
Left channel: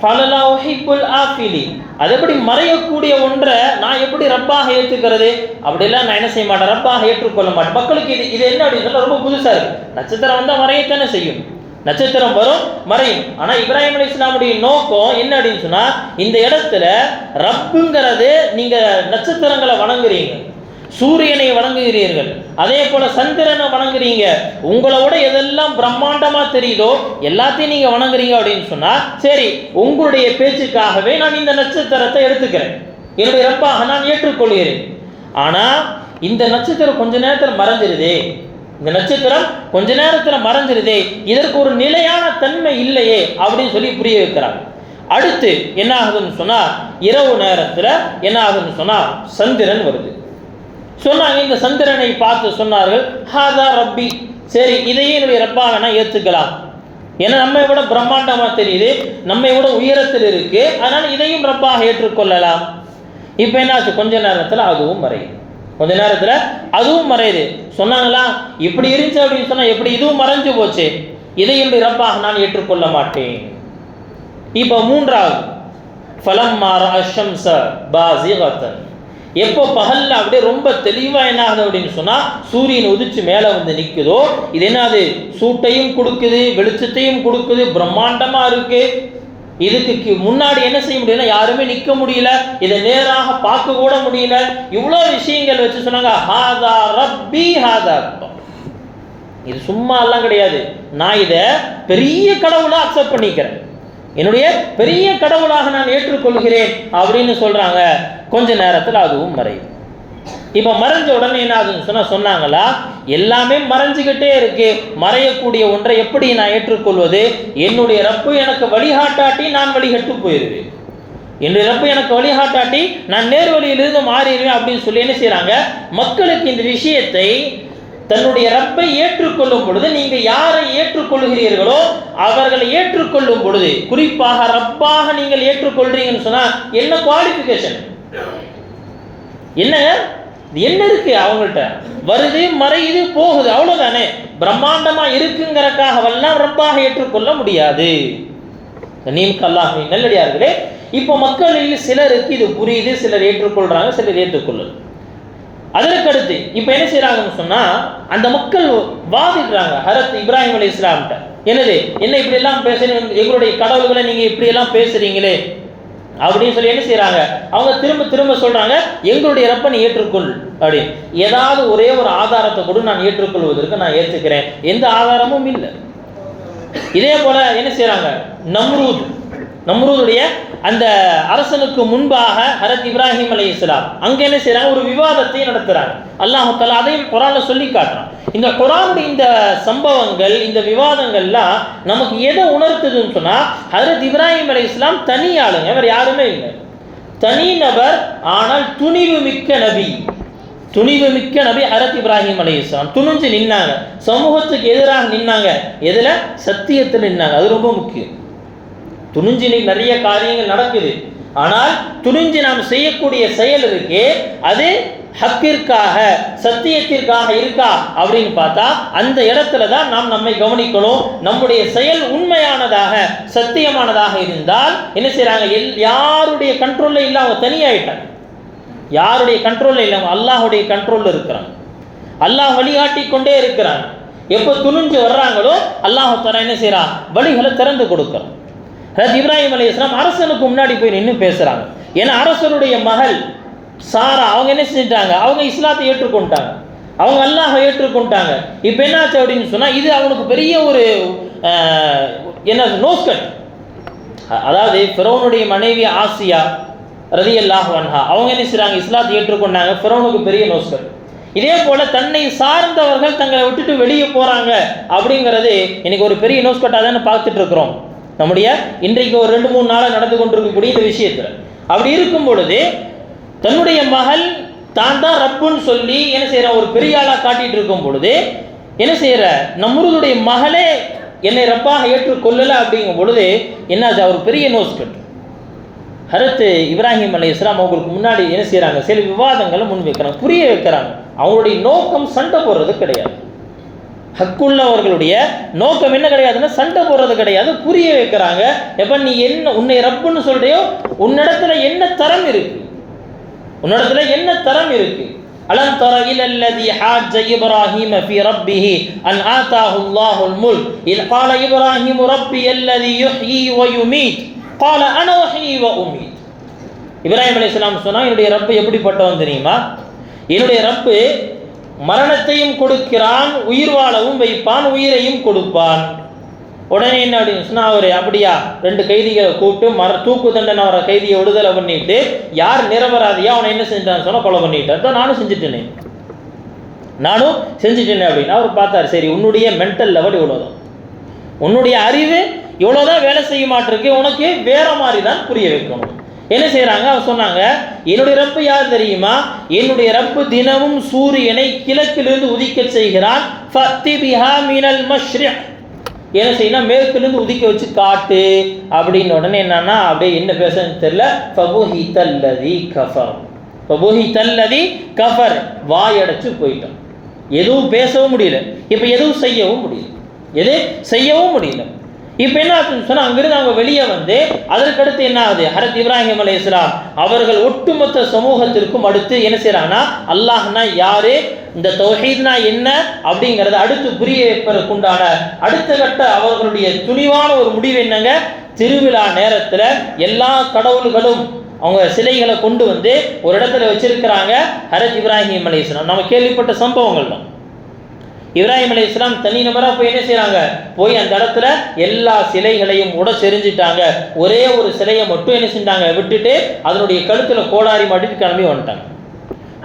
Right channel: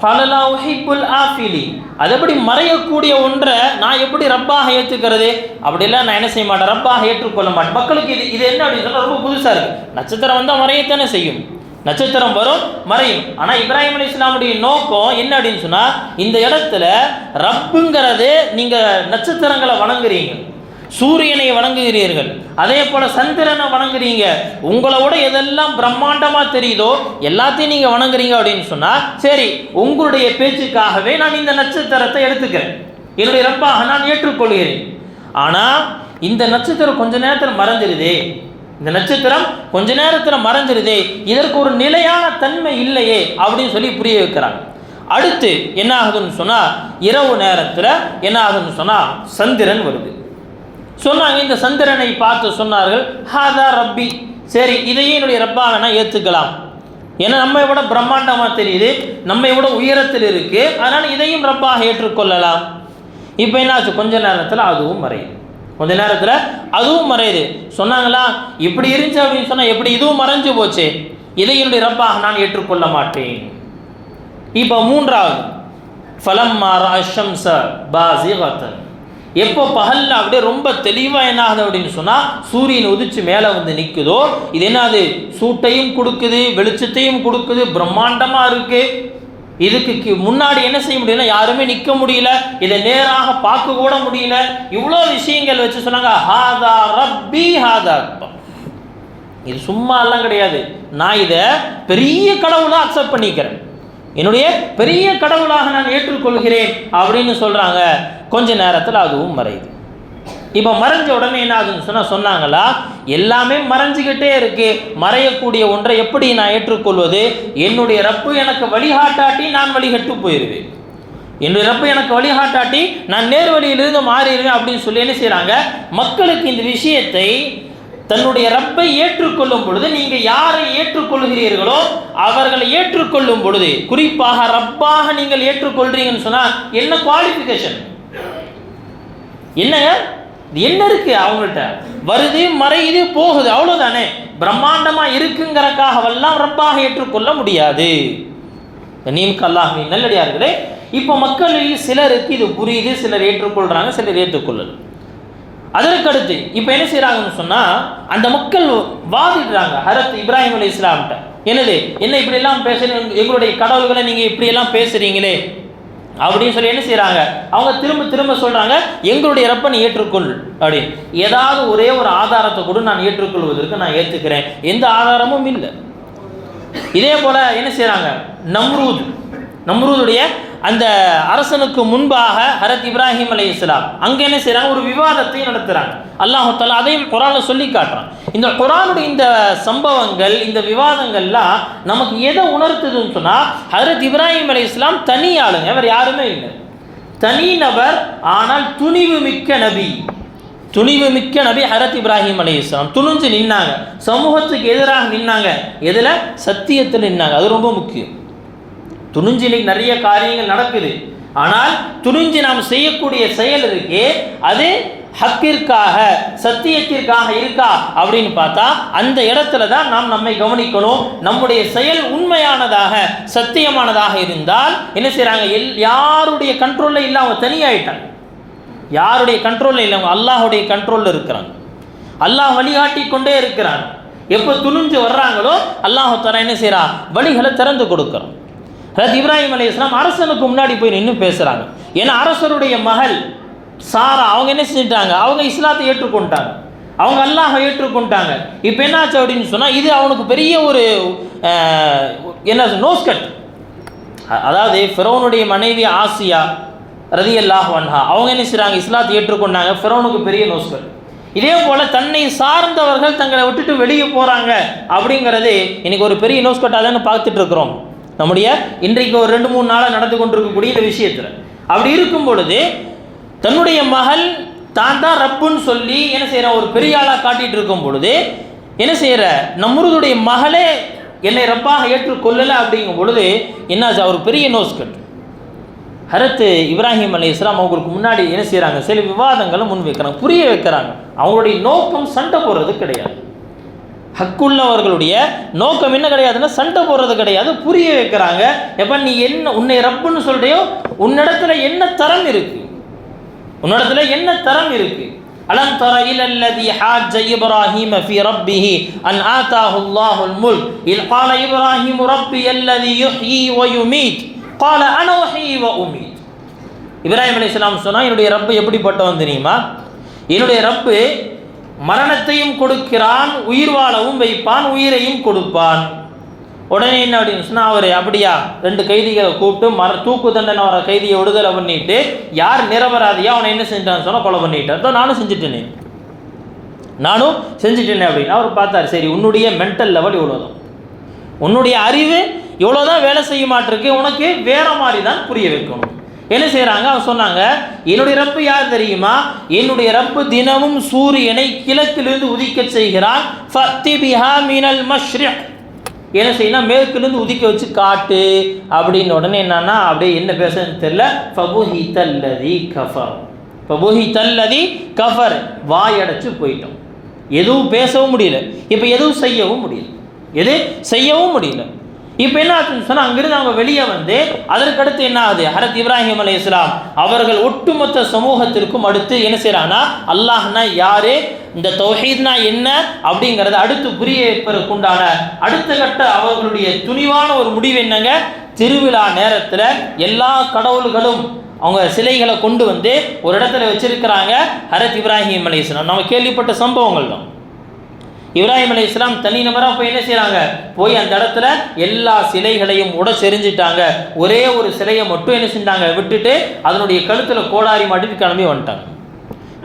ஃபலலா உஹிப்புல் ஆஃபிலி. அது எப்படி மறையக்கூடிய ஒன்றை நான் எப்படி ரப்பாக ஏற்றுக்கிறது? அப்படிலாம் நான் என்ன செய்ய மாட்டேன், ரப்பாக ஏற்றுக்கொள்ள மாட்டேன். மக்களுக்கு இது என்ன அப்படின்னு சொல்ல ரொம்ப புதுசாக இருக்குது. நட்சத்திரம் வந்தால் மறையத்தானே செய்யும், நட்சத்திரம் வரும் மறையும். ஆனால் இப்ராஹிம் அலைஹிஸ்ஸலாமுடைய நோக்கம் என்ன அப்படின்னு சொன்னால், இந்த இடத்துல ரப்புங்கிறது நீங்கள் நட்சத்திரங்களை வணங்குறீங்க, சூரியனை வணங்குகிறீர்கள், அதே போல சந்திரனை வணங்குறீங்க, உங்களோட எதெல்லாம் பிரம்மாண்டமாக தெரியுதோ எல்லாத்தையும் நீங்கள் வணங்குறீங்க அப்படின்னு சொன்னால், சரி உங்களுடைய பேச்சுக்காகவே நான் இந்த நட்சத்திரத்தை எடுத்துக்கிறேன், என்னுடைய ரப்பாக நான் ஏற்றுக்கொள்கிறேன். ஆனால் இந்த நட்சத்திரம் கொஞ்ச நேரத்தில் மறைஞ்சிருதே, இந்த நட்சத்திரம் கொஞ்ச நேரத்தில் மறைஞ்சிருதே, இதற்கு ஒரு நிலையான தன்மை இல்லையே அப்படின்னு சொல்லி புரிய வைக்கிறாங்க. அடுத்து என்ன ஆகுதுன்னு சொன்னால், இரவு நேரத்தில் என்ன ஆகுதுன்னு சொன்னால் சந்திரன் வருது. சொன்னாங்க, இந்த சந்திரனை பார்த்து சொன்னார்கள், ஹாதா ரப்பி, சரி இதையே என்னுடைய ரப்பாக நான் ஏற்றுக்கலாம், ஏன்னா நம்மை விட பிரம்மாண்டமாக தெரியுது, நம்மை விட உயரத்தில் இருக்கு, அதனால் இதையும் ரப்பாக ஏற்றுக்கொள்ளலாம். இப்போ என்னாச்சு, கொஞ்ச நேரத்தில் அதுவும் மறையுது, கொஞ்ச நேரத்தில் அதுவும் மறையுது. சொன்னாங்களா, இப்படி இருந்துச்சு அப்படின்னு சொன்னால் எப்படி இதுவும் மறைஞ்சு போச்சு, இதை என்னுடைய ரப்பாக நான் ஏற்றுக்கொள்ள மாட்டேன். இப்போ மூன்றாவது, ஃபலம்மா ரஅ ஷம்ஸ பாஸிகத்தன், எப்போ பகலில் அப்படியே ரொம்ப தெளிவாக என்ன ஆகுது அப்படின்னு சொன்னால், சூரியன் உதிச்சு மேலே வந்து நிற்குதோ, இது என்னது, சூட்டையும் கொடுக்குது, வெளிச்சத்தையும் கொடுக்குது, பிரம்மாண்டமாக இருக்குது. இதுக்கு முன்னாடி என்ன செய்ய முடியல, யாருமே நிற்க முடியல, இதை நேராக பார்க்க கூட முடியல, இவ்வளோ விஷயங்கள் வச்சு சொன்னாங்க, ஹாதா ரப்பி ஹாதா ரப்பா, இது சும்மா எல்லாம் கிடையாது, நான் இதை பெரிய கடவுளாக அக்செப்ட் பண்ணிக்கிறேன், என்னுடைய பெரிய கடவுளாக நான் ஏற்றுக்கொள்கிறேன் அப்படின்னு சொல்கிறாங்க. கொஞ்ச நேரத்தில் அதுவும் மறையுது. இப்போ மறைஞ்ச உடனே என்ன ஆகுதுன்னு சொன்னாங்களா, எல்லாமே மறைஞ்சிக்கிட்டே இருக்கு, மறையக்கூடிய ஒன்றை எப்படி நான் ஏற்றுக்கொள்வது? என்னுடைய ரப்பு எனக்கு வழிகாட்டாட்டி நான் வழிகட்டு போயிடுவேன், என்னுடைய ரப்பு எனக்கு வழிகாட்டாட்டி நான் நேர்வழியிலிருந்து மாறிடுவேன் அப்படின்னு சொல்லி என்ன செய்கிறாங்க, மக்களுக்கு இந்த விஷயத்தை தன்னுடைய ரப்பை ஏற்றுக்கொள்ளும் பொழுது, நீங்கள் யாரை ஏற்றுக்கொள்கிறீர்களோ அவர்களை ஏற்றுக்கொள்ளும் பொழுது, குறிப்பாக ரப்பாக நீங்கள் ஏற்றுக்கொள்றீங்கன்னு சொன்னால் என்ன குவாலிஃபிகேஷன், என்னங்க என்ன இருக்கு அவங்கள்ட்ட, வருது மறையுது போகுது, அவ்வளோதானே. பிரம்மாண்டமாக இருக்குங்கிறக்காகவெல்லாம் ரப்பாக ஏற்றுக்கொள்ள முடியாது. நீமுக்கு அல்லாஹ்வின் நல்லடியார்களே, இப்போ மக்களில் சிலருக்கு இது புரியுது, சிலர் ஏற்றுக்கொள்கிறாங்க, சிலர் ஏற்றுக்கொள்ளல. அதற்கடுத்து இப்போ என்ன செய்கிறாங்கன்னு சொன்னால், அந்த மக்கள் வாதிடுறாங்க ஹரத் இப்ராஹிம் அலைஹிஸ்ஸலாம்கிட்ட, என்னது என்ன இப்படியெல்லாம் பேசுறீங்க, எங்களுடைய கடவுள்களை நீங்கள் இப்படியெல்லாம் பேசுகிறீங்களே அப்படின்னு சொல்லி என்ன செய்கிறாங்க, அவங்க திரும்ப திரும்ப சொல்கிறாங்க, எங்களுடைய ரப்பை நீ ஏற்றுக்கொள் அப்படி, ஏதாவது ஒரே ஒரு ஆதாரத்தை கூட நான் ஏற்றுக்கொள்வதற்கு நான் ஏற்றுக்கிறேன், எந்த ஆதாரமும் இல்லை. இதே போல் என்ன செய்கிறாங்க, நம்ரூதுடைய அந்த அரசனுக்கு முன்பாக ஹரத் இப்ராஹிம் அலைஹிஸ்ஸலாம் அங்கே என்ன செய்கிறாங்க, ஒரு விவாதத்தை நடத்துகிறாங்க. அல்லாஹ் தஆலா அதையும் குர்ஆனில் சொல்லி காட்டுறான். இந்த குர்ஆனுடைய இந்த சம்பவங்கள், இந்த விவாதங்கள்லாம் நமக்கு எதை உணர்த்துதுன்னு சொன்னால், ஹரத் இப்ராஹிம் அலைஹிஸ்ஸலாம் தனி ஆளுங்க, அவர் யாருமே இல்லை, தனி நபர், ஆனால் துணிவு மிக்க நபி, துணிவு மிக்க நபி ஹரத் இப்ராஹிம் அலைஹிஸ்ஸலாம். துணிஞ்சு நின்னாங்க, சமூகத்துக்கு எதிராக நின்னாங்க, எதில், சத்தியத்தில் நின்னாங்க. அது ரொம்ப முக்கியம். துணிஞ்சு நிறைய காரியங்கள் நடக்குது, ஆனால் துணிஞ்சு நாம் செய்யக்கூடிய செயல் இருக்கே, அது ஹக்கிற்காக சத்தியத்திற்காக இருக்கா அப்படின்னு பார்த்தா அந்த இடத்துல தான் நாம் நம்மை கவனிக்கணும். நம்முடைய செயல் உண்மையானதாக சத்தியமானதாக இருந்தால் என்ன செய்கிறாங்க, யாருடைய கண்ட்ரோலில் இல்லை, அவங்க தனியாயிட்டாங்க, யாருடைய கண்ட்ரோலில் இல்லை, அவங்க அல்லாஹுடைய கண்ட்ரோலில் இருக்கிறாங்க, அல்லாஹ் வழிகாட்டி கொண்டே இருக்கிறாங்க. எப்போ துணிஞ்சு வர்றாங்களோ அல்லாஹ் தஆலா என்ன செய்கிறான், வழிகளை திறந்து கொடுக்குறான். ஹஜ்ரத் இப்ராஹிம் அலைஹிஸ்ஸலாம் அரசனுக்கு முன்னாடி போய் நின்று பேசுகிறாங்க. ஏன்னா அரசருடைய மகள் சாரா அவங்க என்ன செஞ்சிட்டாங்க, அவங்க இஸ்லாத்தை ஏற்றுக்கொண்டாங்க, அவங்க அல்லாஹை ஏற்றுக்கொண்டாங்க. இப்போ என்னாச்சு அப்படின்னு சொன்னால், இது அவனுக்கு பெரிய ஒரு என்ன நோஸ்கட். அதாவது ஃபிரௌனுடைய மனைவி ஆசியா ரலியல்லாஹு அன்ஹா அவங்க என்ன செய்கிறாங்க, இஸ்லாத்தை ஏற்றுக்கொண்டாங்க. ஃபிரௌனுக்கு பெரிய நோஸ்கட். இதே போல் தன்னை சார்ந்தவர்கள் தங்களை விட்டுட்டு வெளியே போகிறாங்க அப்படிங்கிறது இன்னைக்கு ஒரு பெரிய நோஸ்கட்டாக தானே பார்த்துட்டு இருக்கிறோம். நம்முடைய இன்றைக்கு ஒரு 2-3 நாளாக நடந்து கொண்டிருக்கக்கூடிய இந்த விஷயத்தில் அப்படி இருக்கும் பொழுது, தன்னுடைய மகள் தான் ரப்புன்னு சொல்லி என்ன செய்கிற ஒரு பெரிய ஆளாக காட்டிகிட்டு இருக்கும் பொழுது என்ன செய்கிற, நம்மளுடைய மகளே என்னை ரப்பாக ஏற்றுக்கொள்ளலை அப்படிங்கும் பொழுது என்னாச்சு, அவர் பெரிய நோஸ்கட். ஹரத் இப்ராஹிம் அலைஹிஸ்ஸலாம் அவங்களுக்கு முன்னாடி என்ன செய்கிறாங்க, சில விவாதங்களை முன் வைக்கிறாங்க, புரிய வைக்கிறாங்க. அவங்களுடைய நோக்கம் சண்டை போடுறது கிடையாது, ஹக்குள்ளவர்களுடைய நோக்கம் என்ன கிடையாதுன்னா சண்டை போடுறது கிடையாது, புரிய வைக்கிறாங்க. எப்போ நீ என்ன உன்னை ரப்புன்னு சொல்றியோ உன்னிடத்துல என்ன தரம் இருக்கு, உன்னிடத்துல என்ன தரம் இருக்கு. அலம் தர இலல்லதி ஹாஜ்ஜ இப்ராஹீம ஃபீ ரப்பிஹி அன் ஆதாஹு அல்லாஹுல் முல்க் இல் கால இப்ராஹீம் ரப்பி அல்லதி யுஹ்யி வ யுமீத் கால அன உஹ்யி வ உமீத். இப்ராஹிம் அலைஹிஸ்ஸலாம் சொன்னா என்னுடைய ரப்பு எப்படிப்பட்டவன் தெரியுமா, என்னுடைய ரப்பு மரணத்தையும் கொடுக்கிறான், உயிர் வாழவும் வைப்பான், உயிரையும் கொடுப்பான். உடனே என்ன அப்படின்னு சொன்னால் அவர் அப்படியா 2 கைதிகளை கூப்பிட்டு தூக்கு தண்டனை வர கைதியை விடுதலை பண்ணிட்டு யார் நிரபராதியா அவனை என்ன செஞ்சான்னு சொன்னால் கொலை பண்ணிட்டார். தான் நானும் செஞ்சுட்டேனே அப்படின்னு அவர் பார்த்தார். சரி, உன்னுடைய மென்டல் லெவல் இவ்வளோதான், உன்னுடைய அறிவு இவ்வளோதான் வேலை செய்ய மாட்டிருக்கு, உனக்கு வேற மாதிரி தான் புரிய வைக்கணும். என்ன செய்கிறாங்க, அவர் சொன்னாங்க என்னுடைய ரப்பு யார் தெரியுமா, என்னுடைய ரப்பு தினமும் சூரியனை கிழக்கிலிருந்து உதிக்க செய்கிறான். என்ன செய்யணும், மேற்கிலிருந்து உதிக்க வச்சு காட்டு அப்படின்னு. உடனே என்னன்னா அப்படியே என்ன பேசுறதுன்னு தெரியல. ஃபபுஹிதல்லதி கஃபர், வாயடைச்சு போயிட்டோம், எதுவும் பேசவும் முடியல, இப்போ எதுவும் செய்யவும் முடியல. இப்போ என்ன ஆச்சுன்னு சொன்னால் அங்கிருந்து அவங்க வெளியே வந்து அதற்கடுத்து என்ன ஆகுது, ஹரத் இப்ராஹிம் அலைஹிஸ்ஸலாம் அவர்கள் ஒட்டுமொத்த சமூகத்திற்கும் அடுத்து என்ன செய்கிறாங்கன்னா அல்லாஹ்னா யாரு, இந்த தௌஹீத்னா என்ன அப்படிங்கிறத அடுத்து புரிய வைப்பதற்கு உண்டான அடுத்த கட்ட அவர்களுடைய துணிவான ஒரு முடிவு என்னங்க, திருவிழா நேரத்தில் எல்லா கடவுள்களும் அவங்க சிலைகளை கொண்டு வந்து ஒரு இடத்துல வச்சிருக்கிறாங்க. ஹரத் இப்ராஹிம் அலைஹிஸ்ஸலாம் நம்ம கேள்விப்பட்ட சம்பவங்கள் தான். இப்ராஹிம் அலைஹிஸ்ஸலாம் தனி நபராக போய் என்ன செய்கிறாங்க, போய் அந்த இடத்துல எல்லா சிலைகளையும் செறிஞ்சிட்டாங்க. ஒரே ஒரு சிலையை மட்டும் என்ன செஞ்சாங்க விட்டுட்டு அதனுடைய கழுத்தில் கோடாரி மாட்டிட்டு கிளம்பி வந்துட்டாங்க.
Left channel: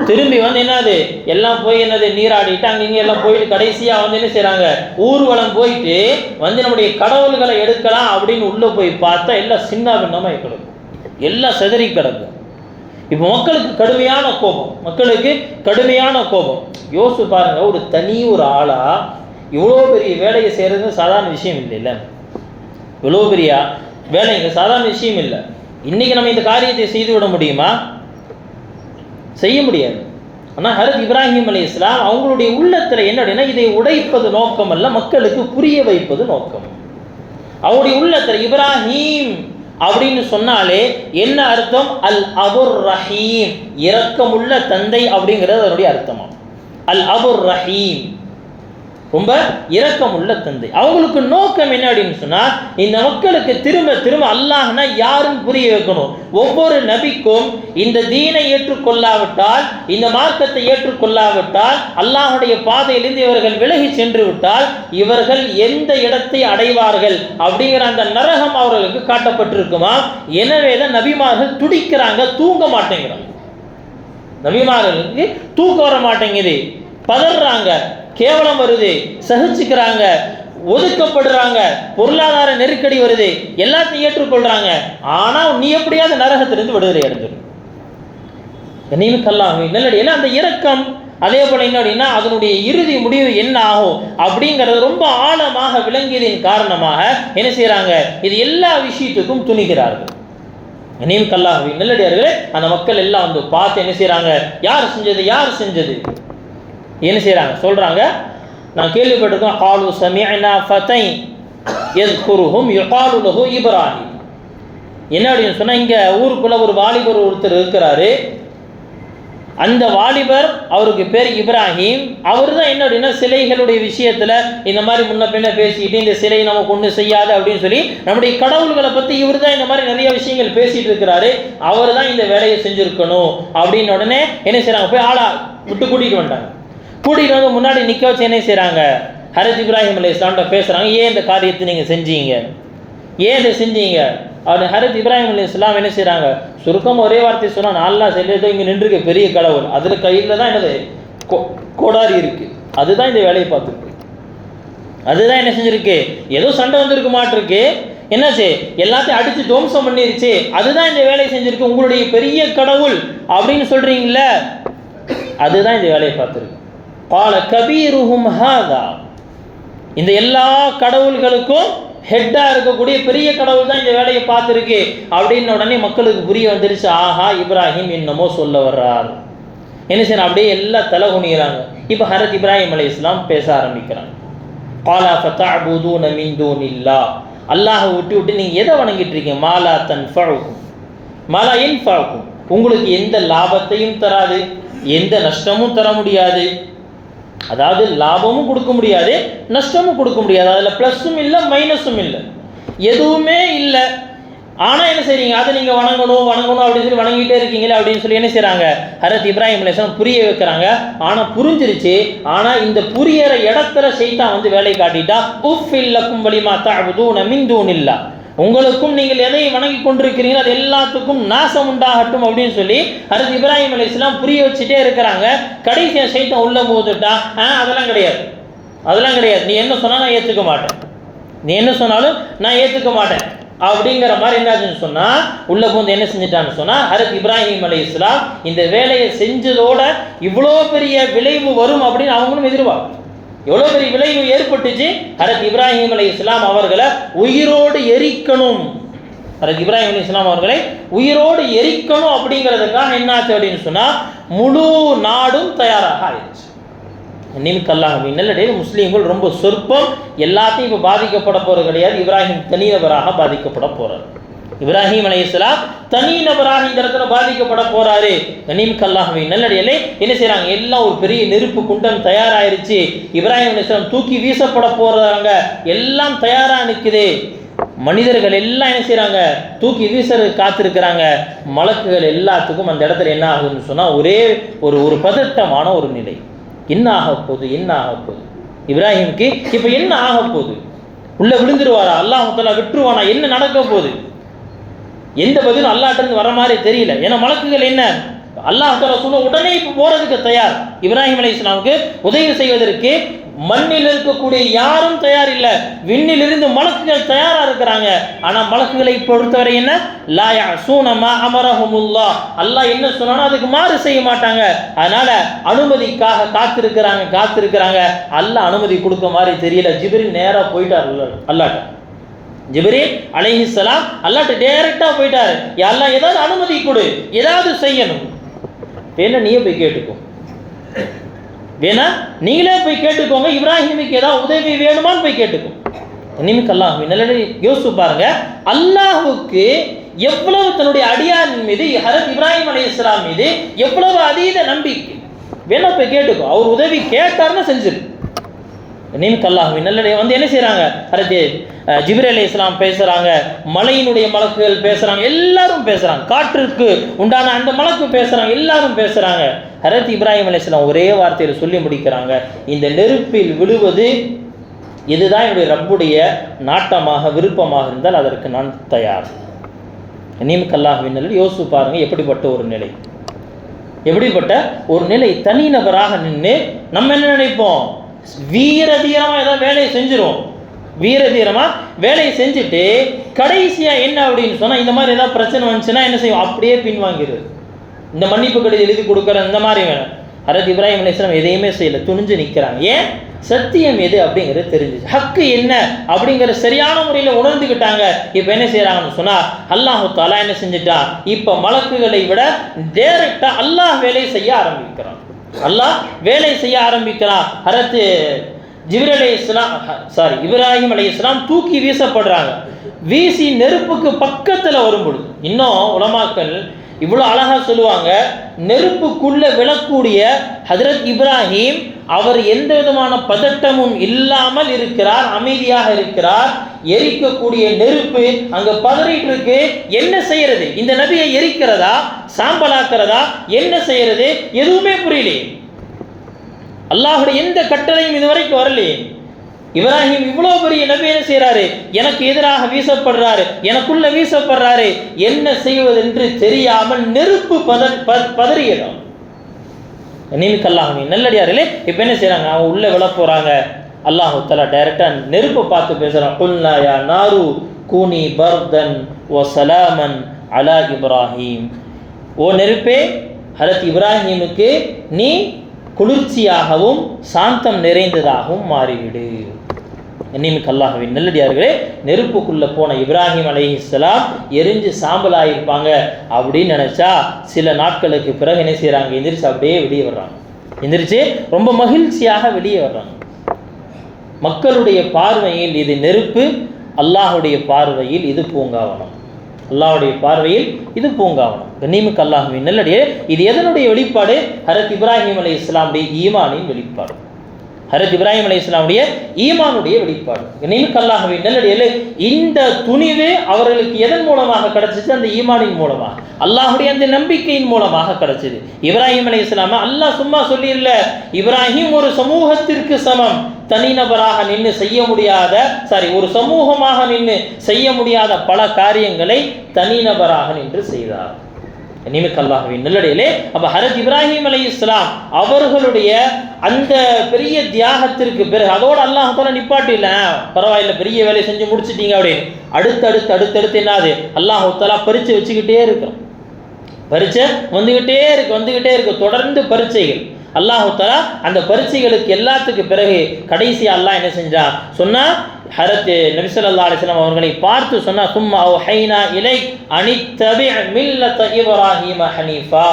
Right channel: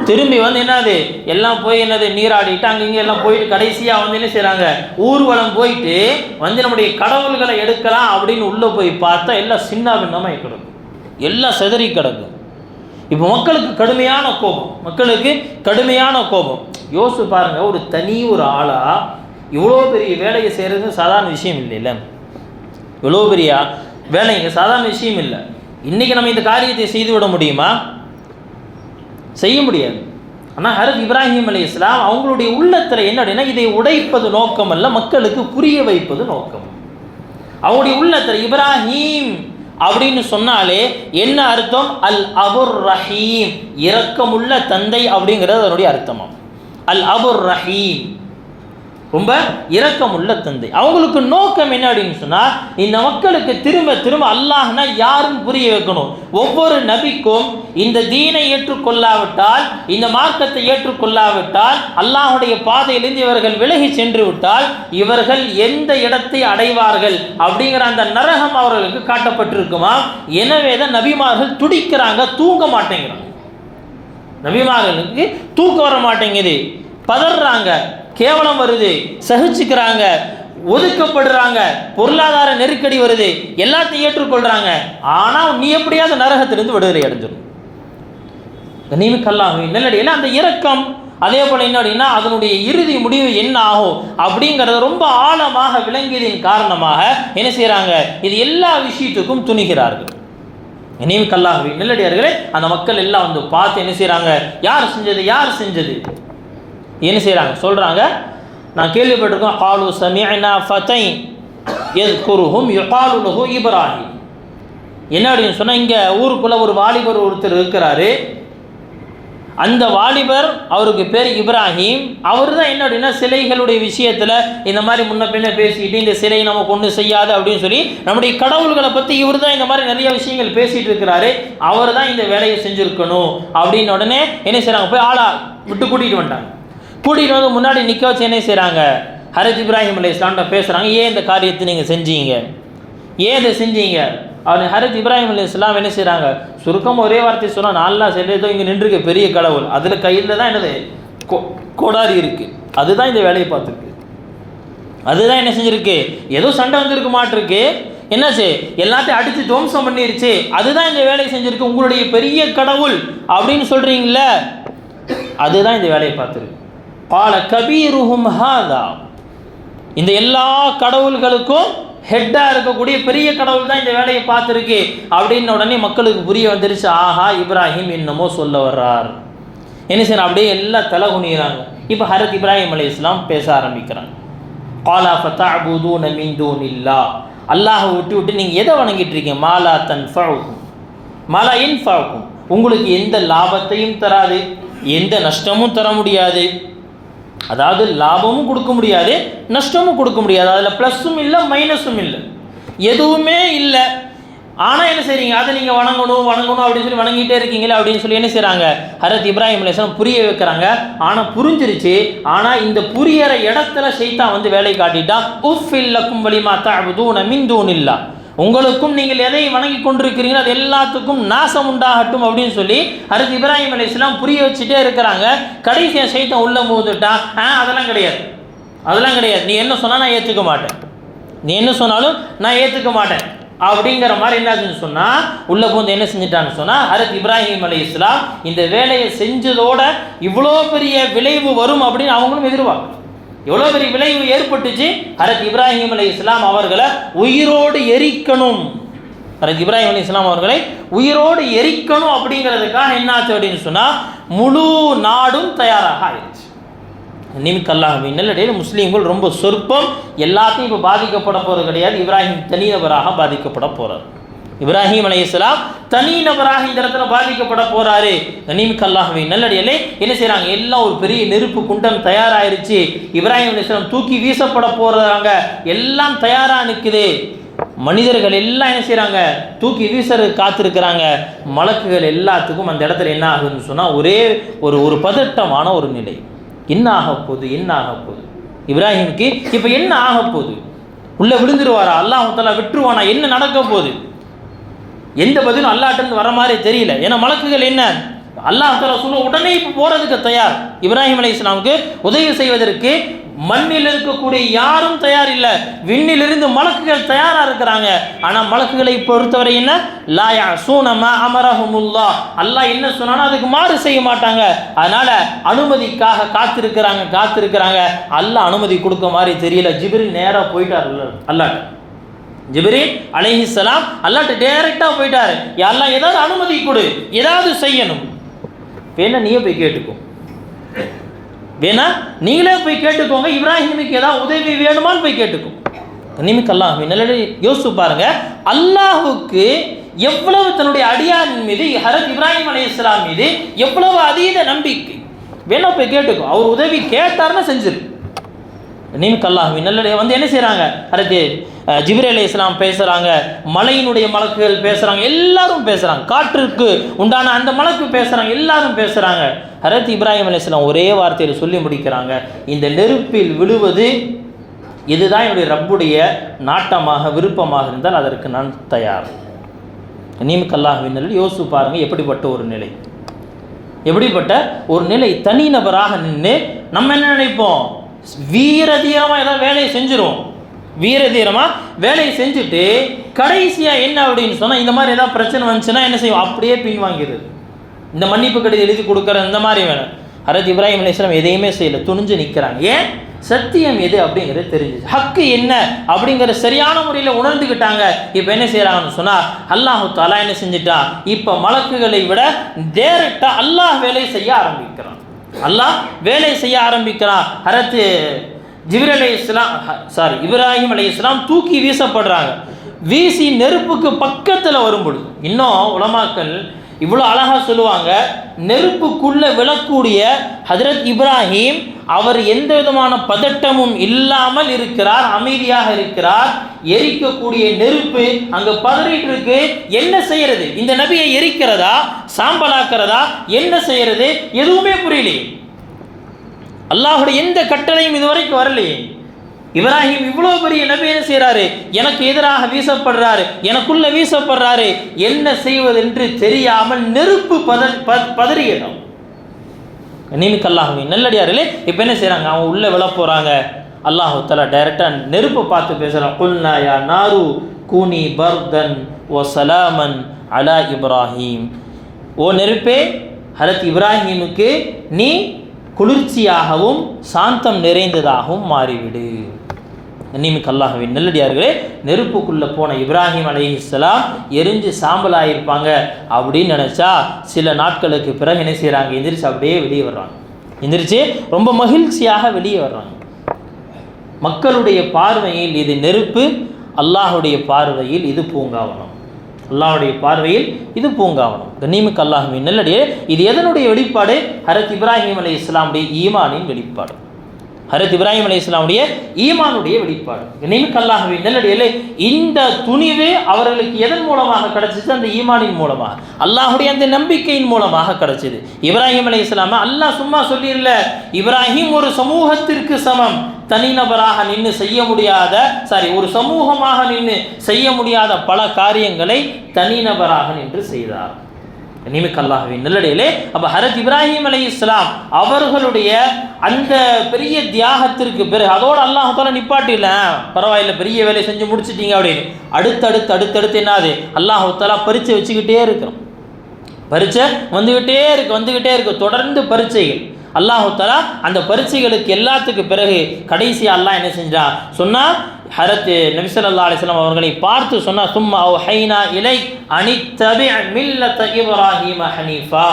திரும்பி வந்து என்னது எல்லாம் போய் என்னது நீராடிட்டு அங்கங்கே எல்லாம் போயிட்டு கடைசியாக வந்து என்ன செய்கிறாங்க, ஊர்வலம் போயிட்டு வந்து நம்முடைய கடவுள்களை எடுக்கலாம் அப்படின்னு உள்ளே போய் பார்த்தா எல்லாம் சின்ன பின்னமாக கிடக்கும், எல்லாம் செதறி கிடக்கும். இப்போ மக்களுக்கு கடுமையான கோபம். யோசிச்சு பாருங்க, ஒரு ஆளா இவ்வளோ பெரிய வேலையை செய்கிறது சாதாரண விஷயம் இல்லை. இவ்வளோ பெரிய வேலைங்க சாதாரண விஷயம் இல்லை. இன்னைக்கு நம்ம இந்த காரியத்தை செய்து விட முடியுமா? செய்ய முடியாது. ஆனால் ஹரத் இப்ராஹிம் அலைஹிஸ்ஸலாம் அவங்களுடைய உள்ளத்தில் என்ன அப்படின்னா இதை உடைப்பது நோக்கம் அல்ல, மக்களுக்கு புரிய வைப்பது நோக்கம். அவங்களுடைய உள்ளத்தில் இப்ராஹிம் அப்படின்னு சொன்னாலே என்ன அர்த்தம், அல் அபுர் ரஹீம், இரக்கமுள்ள தந்தை அப்படிங்கிறது அதனுடைய அர்த்தம். அல் அபுர் ரஹீம், ரொம்ப இரக்கமுள்ள தந்தை. அவங்களுக்கு நோக்கம் என்ன அப்படின்னு சொன்னால் இந்த மக்களுக்கு திரும்ப திரும்ப அல்லாஹ்னா யாருன்னு புரிய வைக்கணும். ஒவ்வொரு நபிக்கும் இந்த தீனை ஏற்றுக்கொள்ளாவிட்டால், இந்த மார்க்கத்தை ஏற்றுக்கொள்ளாவிட்டால், அல்லாஹுடைய பாதையிலிருந்து இவர்கள் விலகி சென்று விட்டால் இவர்கள் எந்த இடத்தை அடைவார்கள் அப்படிங்கிற அந்த நரகம் அவர்களுக்கு காட்டப்பட்டிருக்குமா. எனவே தான் நபிமார்கள் துடிக்கிறாங்க, தூங்க மாட்டேங்கிறாங்க. நபிமார்களுக்கு தூக்கம் வர மாட்டேங்குது, பதறாங்க, கேவலம் வருது, சகிச்சுக்கிறாங்க, ஒதுக்கப்படுறாங்க, பொருளாதார நெருக்கடி வருது, எல்லாத்தையும் ஏற்றுக்கொள்றாங்க. ஆனால் நீ எப்படியாவது நரகத்திலிருந்து விடுதலை அடைஞ்சிடும். கண்ணியமிக்கல்லாஹ் நல்லடியில் அந்த இரக்கம், அதே போல என்ன அப்படின்னா அதனுடைய இறுதி முடிவு என்ன ஆகும் அப்படிங்கிறத ரொம்ப ஆழமாக விளங்கியதின் காரணமாக என்ன செய்கிறாங்க, இது எல்லா விஷயத்துக்கும் துணிகிறார்கள். கண்ணியமிக்கல்லாஹ் நல்லடியார்களே, அந்த மக்கள் எல்லாம் வந்து பார்த்து என்ன செய்கிறாங்க, யார் செஞ்சது என்ன செய்கிறாங்க சொல்கிறாங்க. நான் கேள்விப்பட்டிருக்கோம், காலு சமிஅனா ஃபதை யஸ்குருஹும் யுகாலு லஹு இப்ராஹிம். என்ன அப்படின்னு சொன்னால் இங்கே ஊருக்குள்ளே ஒரு வாலிபர் ஒருத்தர் இருக்கிறாரு. அந்த வாலிபர் அவருக்கு பேர் இப்ராஹிம். அவர் தான் என்ன அப்படின்னா சிலைகளுடைய விஷயத்தில் இந்த மாதிரி முன்ன பின்ன பேசிக்கிட்டு இந்த சிலை நமக்கு ஒன்றும் செய்யாது அப்படின்னு சொல்லி நம்முடைய கடவுள்களை பற்றி இவர் தான் இந்த மாதிரி நிறைய விஷயங்கள் பேசிகிட்டு இருக்கிறாரு. அவர் தான் இந்த வேலையை செஞ்சுருக்கணும் அப்படின்னு உடனே என்ன செய்கிறாங்க, போய் ஆளா விட்டு கூட்டிகிட்டு வந்துட்டாங்க. கூட்டிகிட்டு வந்து முன்னாடி நிற்க வச்சு என்ன செய்கிறாங்க, ஹரத் இப்ராஹிம் அலைஹிஸ்ஸலாம்கிட்ட பேசுகிறாங்க. ஏன் இந்த காரியத்தை நீங்கள் செஞ்சீங்க, ஏன் இதை செஞ்சீங்க அப்படின்னு ஹரத் இப்ராஹிம் அலைஹிஸ்ஸலாம் என்ன செய்கிறாங்க, சுருக்கம் ஒரே வார்த்தை சொன்னால் நான்லாம் செல்லியதோ இங்கே நின்றுருக்கு பெரிய கடவுள், அதில் கையில் தான் என்னது கோடாரி இருக்குது, அதுதான் இந்த வேலையை பார்த்துருக்கு, அதுதான் என்ன செஞ்சுருக்கு, ஏதோ சண்டை வந்துருக்க மாட்டிருக்கு, என்னாச்சு எல்லாத்தையும் அடித்து துவம்சம் பண்ணிருச்சு, அதுதான் இந்த வேலையை செஞ்சுருக்கு, உங்களுடைய பெரிய கடவுள் அப்படின்னு சொல்கிறீங்கள, அதுதான் இந்த வேலையை பார்த்துருக்கு. பால கபீருஹும் ஹாதா, இந்த எல்லா கடவுள்களுக்கும் ஹெட்டாக இருக்கக்கூடிய பெரிய கடவுள் தான் இந்த வேலையை பார்த்துருக்கு அப்படின்னு உடனே மக்களுக்கு புரிய வந்துருச்சு. ஆஹா, இப்ராஹிம் என்னமோ சொல்ல வர்றார். என்ன செய்யணும், அப்படியே எல்லாம் தலை குனிகிறாங்க. இப்போ ஹரத் இப்ராஹிம் அலைஹிஸ்ஸலாம் பேச ஆரம்பிக்கிறாங்க. காலா ஃபதஅபுதூன மின் தூனில்லாஹ், அல்லாஹ் விட்டு நீங்கள் எதை வணங்கிட்டு இருக்கீங்க? மாலா தன்ஃபஉக்கும் மாலா யன்ஃபஉக்கும், உங்களுக்கு எந்த லாபத்தையும் தராது, எந்த நஷ்டமும் தர முடியாது. அதாவது லாபமும் கொடுக்க முடியாது, நஷ்டமும் கொடுக்க முடியாது. அதில் ப்ளஸ்ஸும் இல்லை மைனஸும் இல்லை, எதுவுமே இல்லை. ஆனால் என்ன செய்றீங்க? அதை நீங்கள் வணங்கணும் அப்படின்னு சொல்லி வணங்கிட்டே இருக்கீங்களே அப்படின்னு சொல்லி என்ன செய்கிறாங்க? ஹஜ்ரத் இப்ராஹிம் அலைஹிஸ்ஸலாம் புரிய வைக்கிறாங்க. ஆனால் புரிஞ்சிருச்சு. ஆனால் இந்த புரியற இடத்துல ஷைத்தான் வந்து வேலை காட்டிட்டா. உஃபில் லக்கும் வலிமா தஅபுதூன மின் தூனில்லாஹ், உங்களுக்கும் நீங்கள் எதை வணங்கி கொண்டிருக்கிறீங்களோ அது எல்லாத்துக்கும் நாசம் உண்டாகட்டும் அப்படின்னு சொல்லி ஹஜ்ரத் இப்ராஹிம் அலைஹிஸ்ஸலாம் புரிய வச்சுட்டே இருக்கிறாங்க. கடைசியாக ஷைத்தான் உள்ள போதுட்டா, அதெல்லாம் கிடையாது, அதெல்லாம் கிடையாது, நீ என்ன சொன்னால் நான் ஏற்றுக்க மாட்டேன், நீ என்ன சொன்னாலும் நான் ஏற்றுக்க மாட்டேன் அப்படிங்கிற மாதிரி என்னாச்சுன்னு சொன்னால் உள்ள போந்து என்ன செஞ்சிட்டான்னு சொன்னால் ஹஜ்ரத் இப்ராஹிம் அலைஹிஸ்ஸலாம் இந்த வேலையை செஞ்சதோட இவ்வளோ பெரிய விளைவு வரும் அப்படின்னு அவங்களும் எதிர்பார்க்கும். எவ்வளோ பெரிய விளைவு ஏற்பட்டுச்சு. ஹஜ்ரத் இப்ராஹிம் அலைஹிஸ்ஸலாம் அவர்களை உயிரோடு எரிக்கணும், ஹஜ்ரத் இப்ராஹிம் அலைஹிஸ்ஸலாம் அவர்களை உயிரோடு எரிக்கணும் அப்படிங்கிறதுக்காக என்னாச்சு அப்படின்னு சொன்னால் முழு நாடும் தயாராக ஆயிடுச்சு. நிமிக்கல்லாஹ்வின் நல்லடியில் முஸ்லீம்கள் ரொம்ப சொற்பம், எல்லாத்தையும் இப்போ பாதிக்கப்பட போகிறது கிடையாது. இப்ராஹிம் தனிநபராக பாதிக்கப்பட போகிறார். இப்ராஹிம் அலைஹிஸ்ஸலாம் தனிநபராக இந்த இடத்துல பாதிக்கப்பட போகிறாரு. நிமிக்கல்லாஹ்வின் நல்லடியிலே என்ன செய்கிறாங்க? எல்லாம் ஒரு பெரிய நெருப்பு குண்டம் தயாராகிருச்சு. இப்ராஹிம் அலைஹிஸ்ஸலாம் தூக்கி வீசப்பட போகிறாங்க, எல்லாம் தயாராக நிற்குது. மனிதர்கள் எல்லாம் என்ன செய்கிறாங்க? தூக்கி வீசறது காத்திருக்கிறாங்க. மலக்குகள் எல்லாத்துக்கும் அந்த இடத்துல என்ன ஆகுதுன்னு சொன்னால் ஒரே ஒரு பதட்டமான ஒரு நிலை. என்ன ஆக போகுது, என்ன ஆக போகுது? இப்ராஹிமுக்கு இப்போ என்ன ஆக போகுது? உள்ளே விழுந்துருவாரா? அல்லாஹ் தஆலா விட்டுருவானா? என்ன நடக்க போகுது? எந்த பதிலும் அல்லாஹ்ட்டேருந்து வர மாதிரி தெரியல. ஏன்னா மலக்குகள் என்ன அல்லாஹ் தஆலா சொல்ல உடனே இப்போ போகிறதுக்கு தயார். இப்ராஹிம் அலைஹிஸ்ஸலாமுக்கு உதவி செய்வதற்கு மண்ணில் இருக்கக்கூடிய யாரும் தயார் இல்லை. விண்ணிலிருந்து மலக்குகள் தயாராக இருக்கிறாங்க. ஆனால் மலக்குகளை பொறுத்தவரை என்ன? லா யஅஸூன மா அமரஹுமுல்லாஹ், அல்லாஹ் என்ன சொன்னானோ அதுக்கு மாறு செய்ய மாட்டாங்க. அதனால அனுமதிக்காக காத்திருக்கிறாங்க. அல்லாஹ் அனுமதி கொடுக்க மாதிரி தெரியல. ஜிப்ரீல் நேராக போயிட்டார் அல்லாஹ்ட்ட. ஜிப்ரீல் அலைஹிஸ்ஸலாம் அல்லாஹ்ட்ட டைரக்டாக போயிட்டார். யா அல்லாஹ் ஏதாவது அனுமதி கொடு, ஏதாவது செய்யணும். வேணா நீயே போய் கேட்டுக்கோ, வேணா நீங்களே போய் கேட்டுக்கோங்க. இப்ராஹிமுக்கு ஏதாவது உதவி வேணுமான்னு போய் கேட்டுக்கோ. நிமிக்கல்லாஹ்வின் நல்லடியார்களே யோசிச்சு பாருங்க, அல்லாஹ்வுக்கு எவ்வளவு தன்னுடைய அடியாரின் மீது ஹஜ்ரத் இப்ராஹிம் அலைஹிஸ்ஸலாம் மீது எவ்வளவு அதீத நம்பிக்கை. வேணா போய் கேட்டுக்கோ, அவர் உதவி கேட்டார்னா செஞ்சிரு. நிமிக்கல்லாஹ்வின் நல்லடியார்களே வந்து என்ன செய்கிறாங்க? ஹஜ்ரத் ஜிப்ரீல் அலைஹிஸ்ஸலாம் பேசுகிறாங்க, மலையினுடைய மலக்குகள் பேசுகிறாங்க, எல்லாரும் பேசுகிறாங்க, காற்றுக்கு உண்டான அந்த மலக்கு பேசுகிறாங்க, எல்லாரும் பேசுகிறாங்க. ஹஜ்ரத் இப்ராஹிம் அலைஹிஸ்ஸலாம் ஒரே வார்த்தையில் சொல்லி முடிக்கிறாங்க, இந்த நெருப்பில் விழுவது இதுதான் என்னுடைய ரப்புடைய நாட்டமாக விருப்பமாக இருந்தால் அதற்கு நான் தயார். நிமிக்கல்லாஹ்வின் நல்லடியார்களே யோசிச்சு பாருங்கள், எப்படிப்பட்ட ஒரு நிலை, எப்படிப்பட்ட ஒரு நிலை. தனிநபராக நின்று நம்ம என்ன நினைப்போம்? வீரதீரமாக ஏதாவது வேலையை செஞ்சிருவோம். வீரதீரமாக வேலையை செஞ்சுட்டு கடைசியாக என்ன அப்படின்னு சொன்னால் இந்த மாதிரி ஏதாவது பிரச்சனை வந்துச்சுன்னா என்ன செய்வோம்? அப்படியே பின்வாங்கிறது. இந்த மன்னிப்பு கடிதம் எழுதி கொடுக்குற இந்த மாதிரி வேணும். ஹஜ்ரத் இப்ராஹிம் அலைஹிஸ்ஸலாம் எதையுமே செய்யலை, துணிஞ்சு நிற்கிறாங்க. ஏன்? சத்தியம் எது அப்படிங்கிறது தெரிஞ்சிச்சு, ஹக்கு என்ன அப்படிங்கிற சரியான முறையில் உணர்ந்துக்கிட்டாங்க. இப்போ என்ன செய்கிறாங்கன்னு சொன்னால் அல்லாஹ் தஆலா என்ன செஞ்சுட்டா, இப்போ மலக்குகளை விட டைரக்டாக அல்லாஹ் வேலை செய்ய ஆரம்பிக்கிறான். அல்லாஹ் வேலை செய்ய ஆரம்பிக்கிறான். ஹஜ்ரத் இப்ராஹிம் அலைஹிஸ்ஸலாம் தூக்கி வீசப்படுறாங்க. வீசி நெருப்புக்கு பக்கத்தில் வரும்பொழுது இன்னும் உலமாக்கள் இவ்வளோ அழகாக சொல்லுவாங்க, நெருப்புக்குள்ளே விழக்கூடிய ஹஜ்ரத் இப்ராஹிம் அவர் எந்த விதமான பதட்டமும் இல்லாமல் இருக்கிறார், அமைதியாக இருக்கிறார். எரிக்கக்கூடிய நெருப்பு அங்கே பதறிட்டு இருக்கு. என்ன செய்யறது? இந்த நபியை எரிக்கிறதா, சாம்பலாக்கிறதா, என்ன செய்யறது? எதுவுமே புரியலையே. அல்லாஹுடைய எந்த கட்டளையும் இதுவரைக்கும் வரலையே. இப்ராஹிம் இவ்வளோ பெரிய நபி என்ன செய்கிறாரு? எனக்கு எதிராக வீசப்படுறாரு, எனக்குள்ள வீசப்படுறாரு. என்ன செய்வதென்று தெரியாமல் நெருப்பு பதறியிடும். நிமிக்கல்லாஹ்வின் நல்லடியார்களே இப்போ என்ன செய்கிறாங்க? அவங்க உள்ளே விழ போகிறாங்க. அல்லாஹ் தஆலா டைரெக்டாக நெருப்பை பார்த்து பேசுகிறான். குல்னா யா நாரு கூனி பர்தன் வ சலாமன் அலா இப்ராஹிம். ஓ நெருப்பே, ஹஜ்ரத் இப்ராஹிமுக்கு நீ குளிர்ச்சியாகவும் சாந்தம் நிறைந்ததாகவும் மாறிவிடு. நிமிக்கல்லாஹ்வின் நல்லடியார்களே, நெருப்புக்குள்ளே போன இப்ராஹிம் அலைஹிஸ்ஸலாம் எரிஞ்சு சாம்பலாயிருப்பாங்க அப்படின்னு நினச்சா சில நாட்களுக்கு பிறகு என்ன செய்கிறாங்க? எந்திரிச்சு அப்படியே வெளியே வர்றாங்க. எந்திரிச்சு ரொம்ப மகிழ்ச்சியாக வெளியே வர்றாங்க. மக்களுடைய பார்வையில் இது நெருப்பு, அல்லாஹுடைய பார்வையில் இது பூங்காவனம். அல்லாஹுடைய பார்வையில் இது பூங்காவனம். கண்ணியமிக்க அல்லாஹ்வின் நல்லடியே, இது எதனுடைய வெளிப்பாடு? ஹரத் இப்ராஹிம் அலைஹிஸ்ஸலாமுடைய ஈமானின் வெளிப்பாடு. ஹரத் இப்ராஹிம் அலைஹிஸ்ஸலாமுடைய ஈமானுடைய வெளிப்பாடு. கண்ணியமிக்க அல்லாஹ்வின் நல்லடியே, இந்த துணிவு அவர்களுக்கு எதன் மூலமாக கிடைச்சிச்சு? அந்த ஈமானின் மூலமாக, அல்லாஹுடைய அந்த நம்பிக்கையின் மூலமாக கிடைச்சது. இப்ராஹிம் அலைஹிஸ்ஸலாம் அல்லாஹ் சும்மா சொல்லிடல, இப்ராஹிம் ஒரு சமூகத்திற்கு சமம், தனிநபராக நின்று செய்ய முடியாத, ஒரு சமூகமாக நின்று செய்ய முடியாத பல காரியங்களை தனிநபராக நின்று செய்தார். கண்ணியமிக்க அல்லாஹ்வின் நல்லடியிலே, அப்ப ஹரத் இப்ராஹிம் அலைஹிஸ்ஸலாம் அவர்களுடைய அந்த பெரிய தியாகத்திற்கு பிறகு அதோடு அல்லாஹ் தால நிப்பாட்டில, பரவாயில்ல பெரிய வேலையை செஞ்சு முடிச்சிட்டீங்க அப்படின்னு அடுத்தடுத்து என்னது அல்லாஹ் தாலா பரீட்சை வச்சுக்கிட்டே இருக்கிறோம். பரீட்சை வந்துகிட்டே இருக்கு தொடர்ந்து பரீட்சைகள். அல்லாஹ் தாலா அந்த பரீட்சைகளுக்கு எல்லாத்துக்கு பிறகு கடைசி அல்லாஹ் என்ன செஞ்சான் சொன்னா, ஹரத் நபி ஸல்லல்லாஹு அலைஹி வஸல்லம் அவர்களை பார்த்து சொன்னா, சும்மா அவ்ஹைனா இலைக் அனித்தபி மில்லத இப்ராஹீம ஹனீஃபா.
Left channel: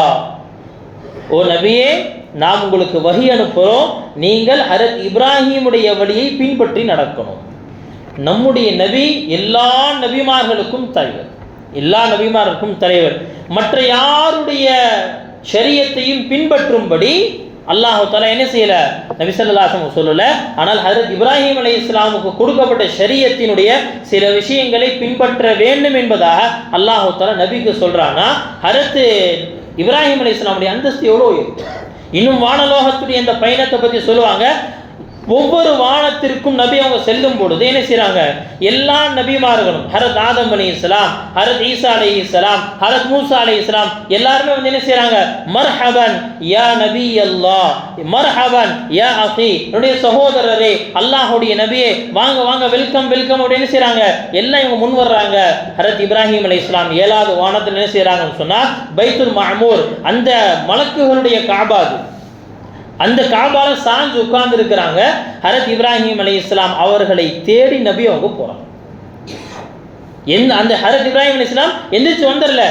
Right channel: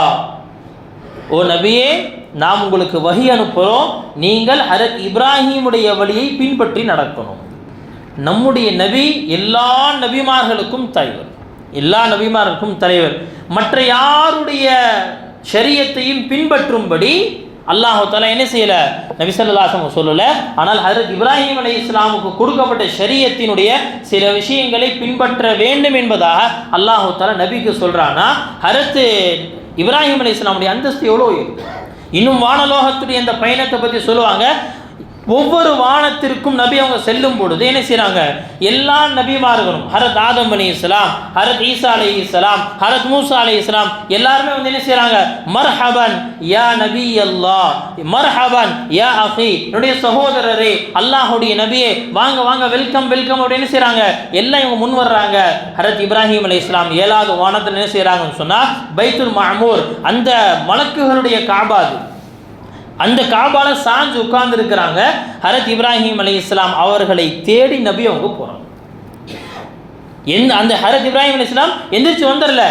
ஓ நபியே, நாம் உங்களுக்கு வஹி அனுப்புகிறோம், நீங்கள் ஹரத் இப்ராஹிமுடைய வழியை பின்பற்றி நடக்கணும். நம்முடைய நபி எல்லா நபிமார்களுக்கும் தலைவர், எல்லா நபிமார்களுக்கும் தலைவர். மற்ற யாருடைய ஷரியத்தையும் பின்பற்றும்படி அல்லாஹ் தஆலா என்ன செய்யல, நபி ஸல்லல்லாஹு அலைஹி வஸல்லம் சொல்லல. ஆனால் ஹஜ்ரத் இப்ராஹிம் அலைஹிஸ்ஸலாமுக்கு கொடுக்கப்பட்ட ஷரியத்தினுடைய சில விஷயங்களை பின்பற்ற வேண்டும் என்பதாக அல்லாஹ் தஆலா நபிக்கு சொல்றானா, ஹஜ்ரத் இப்ராஹிம் அலைஹிஸ்ஸலாமுடைய அந்தஸ்து எவ்வளோ இருக்கு. இன்னும் வானலோகத்துடைய இந்த பயணத்தை பற்றி சொல்லுவாங்க. ஒவ்வொரு வானத்திற்கும் நபி அவங்க செல்லும் பொழுது என்ன செய்யறாங்க, எல்லா நபிமார்களும் ஹரத் ஆதம் அலைஹிஸ்ஸலாம், ஹரத் ஈசா அலைஹிஸ்ஸலாம், ஹரத் மூசா அலைஹிஸ்ஸலாம் எல்லாருமே வந்து என்ன செய்யறாங்க, மர்ஹபன் யா நபி அல்லாஹ், மர்ஹபன் யா அஃபி, என்னுடைய சகோதரரே, அல்லாஹ்வுடைய நபியே, வாங்க வாங்க, வெல்கம் வெல்கம் அப்படின்னு செய்யறாங்க. எல்லாம் இவங்க முன் வர்றாங்க. ஹரத் இப்ராஹிம் அலைஹிஸ்ஸலாம் 7வது வானத்தில் என்ன செய்யறாங்கன்னு சொன்னா, பைத்துல் மஅமூர், அந்த மலக்குகளுடைய காபா, அந்த காபால சாஞ்சு உட்கார்ந்து இருக்கிறாங்க. ஹரத் இப்ராஹிம் அலைஹிஸ்ஸலாம் அவர்களை தேடி நபி அவங்க போறாங்க. அந்த ஹரத் இப்ராஹிம் அலைஹிஸ்ஸலாம் எந்திரிச்சு வந்துடல,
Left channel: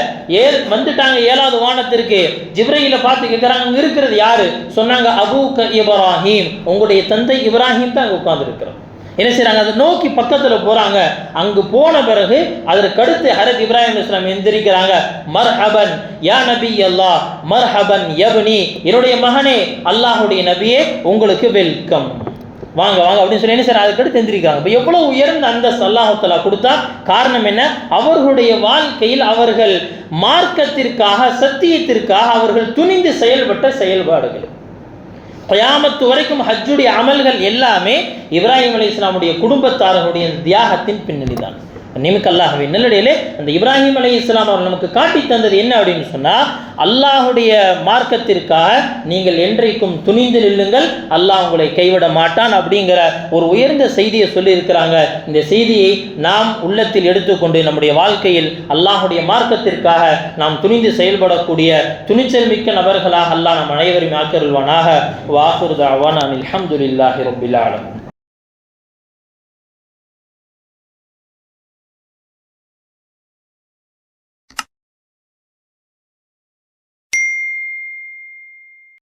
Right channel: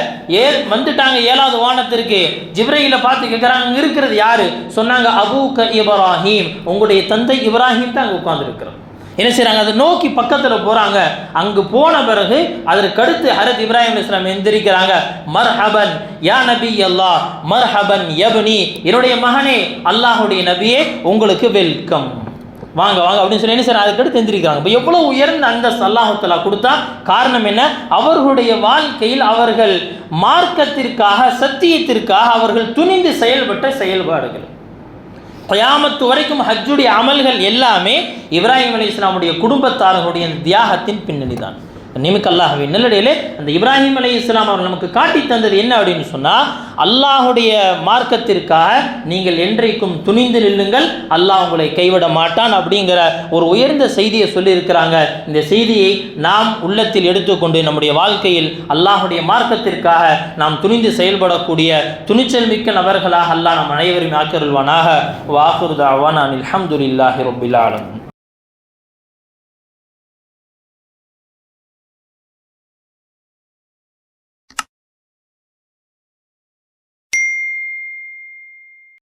வந்துட்டாங்க 7வது வானத்திற்கு. ஜிப்ரீல பார்த்து கேட்குறாங்க, இருக்கிறது யாரு? சொன்னாங்க, அபூக இப்ராஹிம், உங்களுடைய தந்தை இப்ராஹிம் தான் அங்கே உட்கார்ந்து இருக்கிறோம். என்ன செய்யறாங்க, அதை நோக்கி பக்கத்தில் போறாங்க. அங்கு போன பிறகு அதற்கு அடுத்து ஹரத் இப்ராஹிம் அலைஹிஸ்ஸலாம் எந்திரிக்கிறாங்க. மர்ஹபன் யா நபி அல்லாஹ், மர்ஹபன் யப்னி, என்னுடைய மகனே, அல்லாஹுடைய நபியே, உங்களுக்கு வெல்கம், வாங்க வாங்க அப்படின்னு சொல்லி என்ன செய்யறாங்க, அதுக்கடுத்து எந்திரிக்கிறாங்க. இப்போ எவ்வளவு உயர்ந்த அந்த அல்லாஹ் தஆலா கொடுத்தா. காரணம் என்ன? அவர்களுடைய வாழ்க்கையில் அவர்கள் மார்க்கத்திற்காக, சத்தியத்திற்காக அவர்கள் துணிந்து செயல்பட்ட செயல்பாடுகள். கியாமத்து வரைக்கும் ஹஜ்ஜுடைய அமல்கள் எல்லாமே இப்ராஹிம் அலைஹிஸ்ஸலாமுடைய குடும்பத்தார்களுடைய தியாகத்தின் பின்னணி தான். நிமிக்க அல்லாஹ்வின் நல்லடியிலே, அந்த இப்ராஹிம் அலைஹிஸ்ஸலாம் அவர்கள் நமக்கு காட்டி தந்தது என்ன அப்படின்னு சொன்னால், அல்லாஹுடைய மார்க்கத்திற்காக நீங்கள் என்றைக்கும் துணிந்து நில்லுங்கள், அல்லாஹ் உங்களை கைவிட மாட்டான் அப்படிங்கிற ஒரு உயர்ந்த செய்தியை சொல்லியிருக்கிறாங்க. இந்த செய்தியை நாம் உள்ளத்தில் எடுத்துக்கொண்டு நம்முடைய வாழ்க்கையில் அல்லாஹுடைய மார்க்கத்திற்காக நாம் துணிந்து செயல்படக்கூடிய துணிச்சல் மிக்க நபர்களாக அல்லாஹ் நம் அனைவரும் ஆக்கியருள்வானாக. வாஹிரு தஅவானா அல்ஹம்துலில்லாஹி ரப்பில் ஆலமீன்.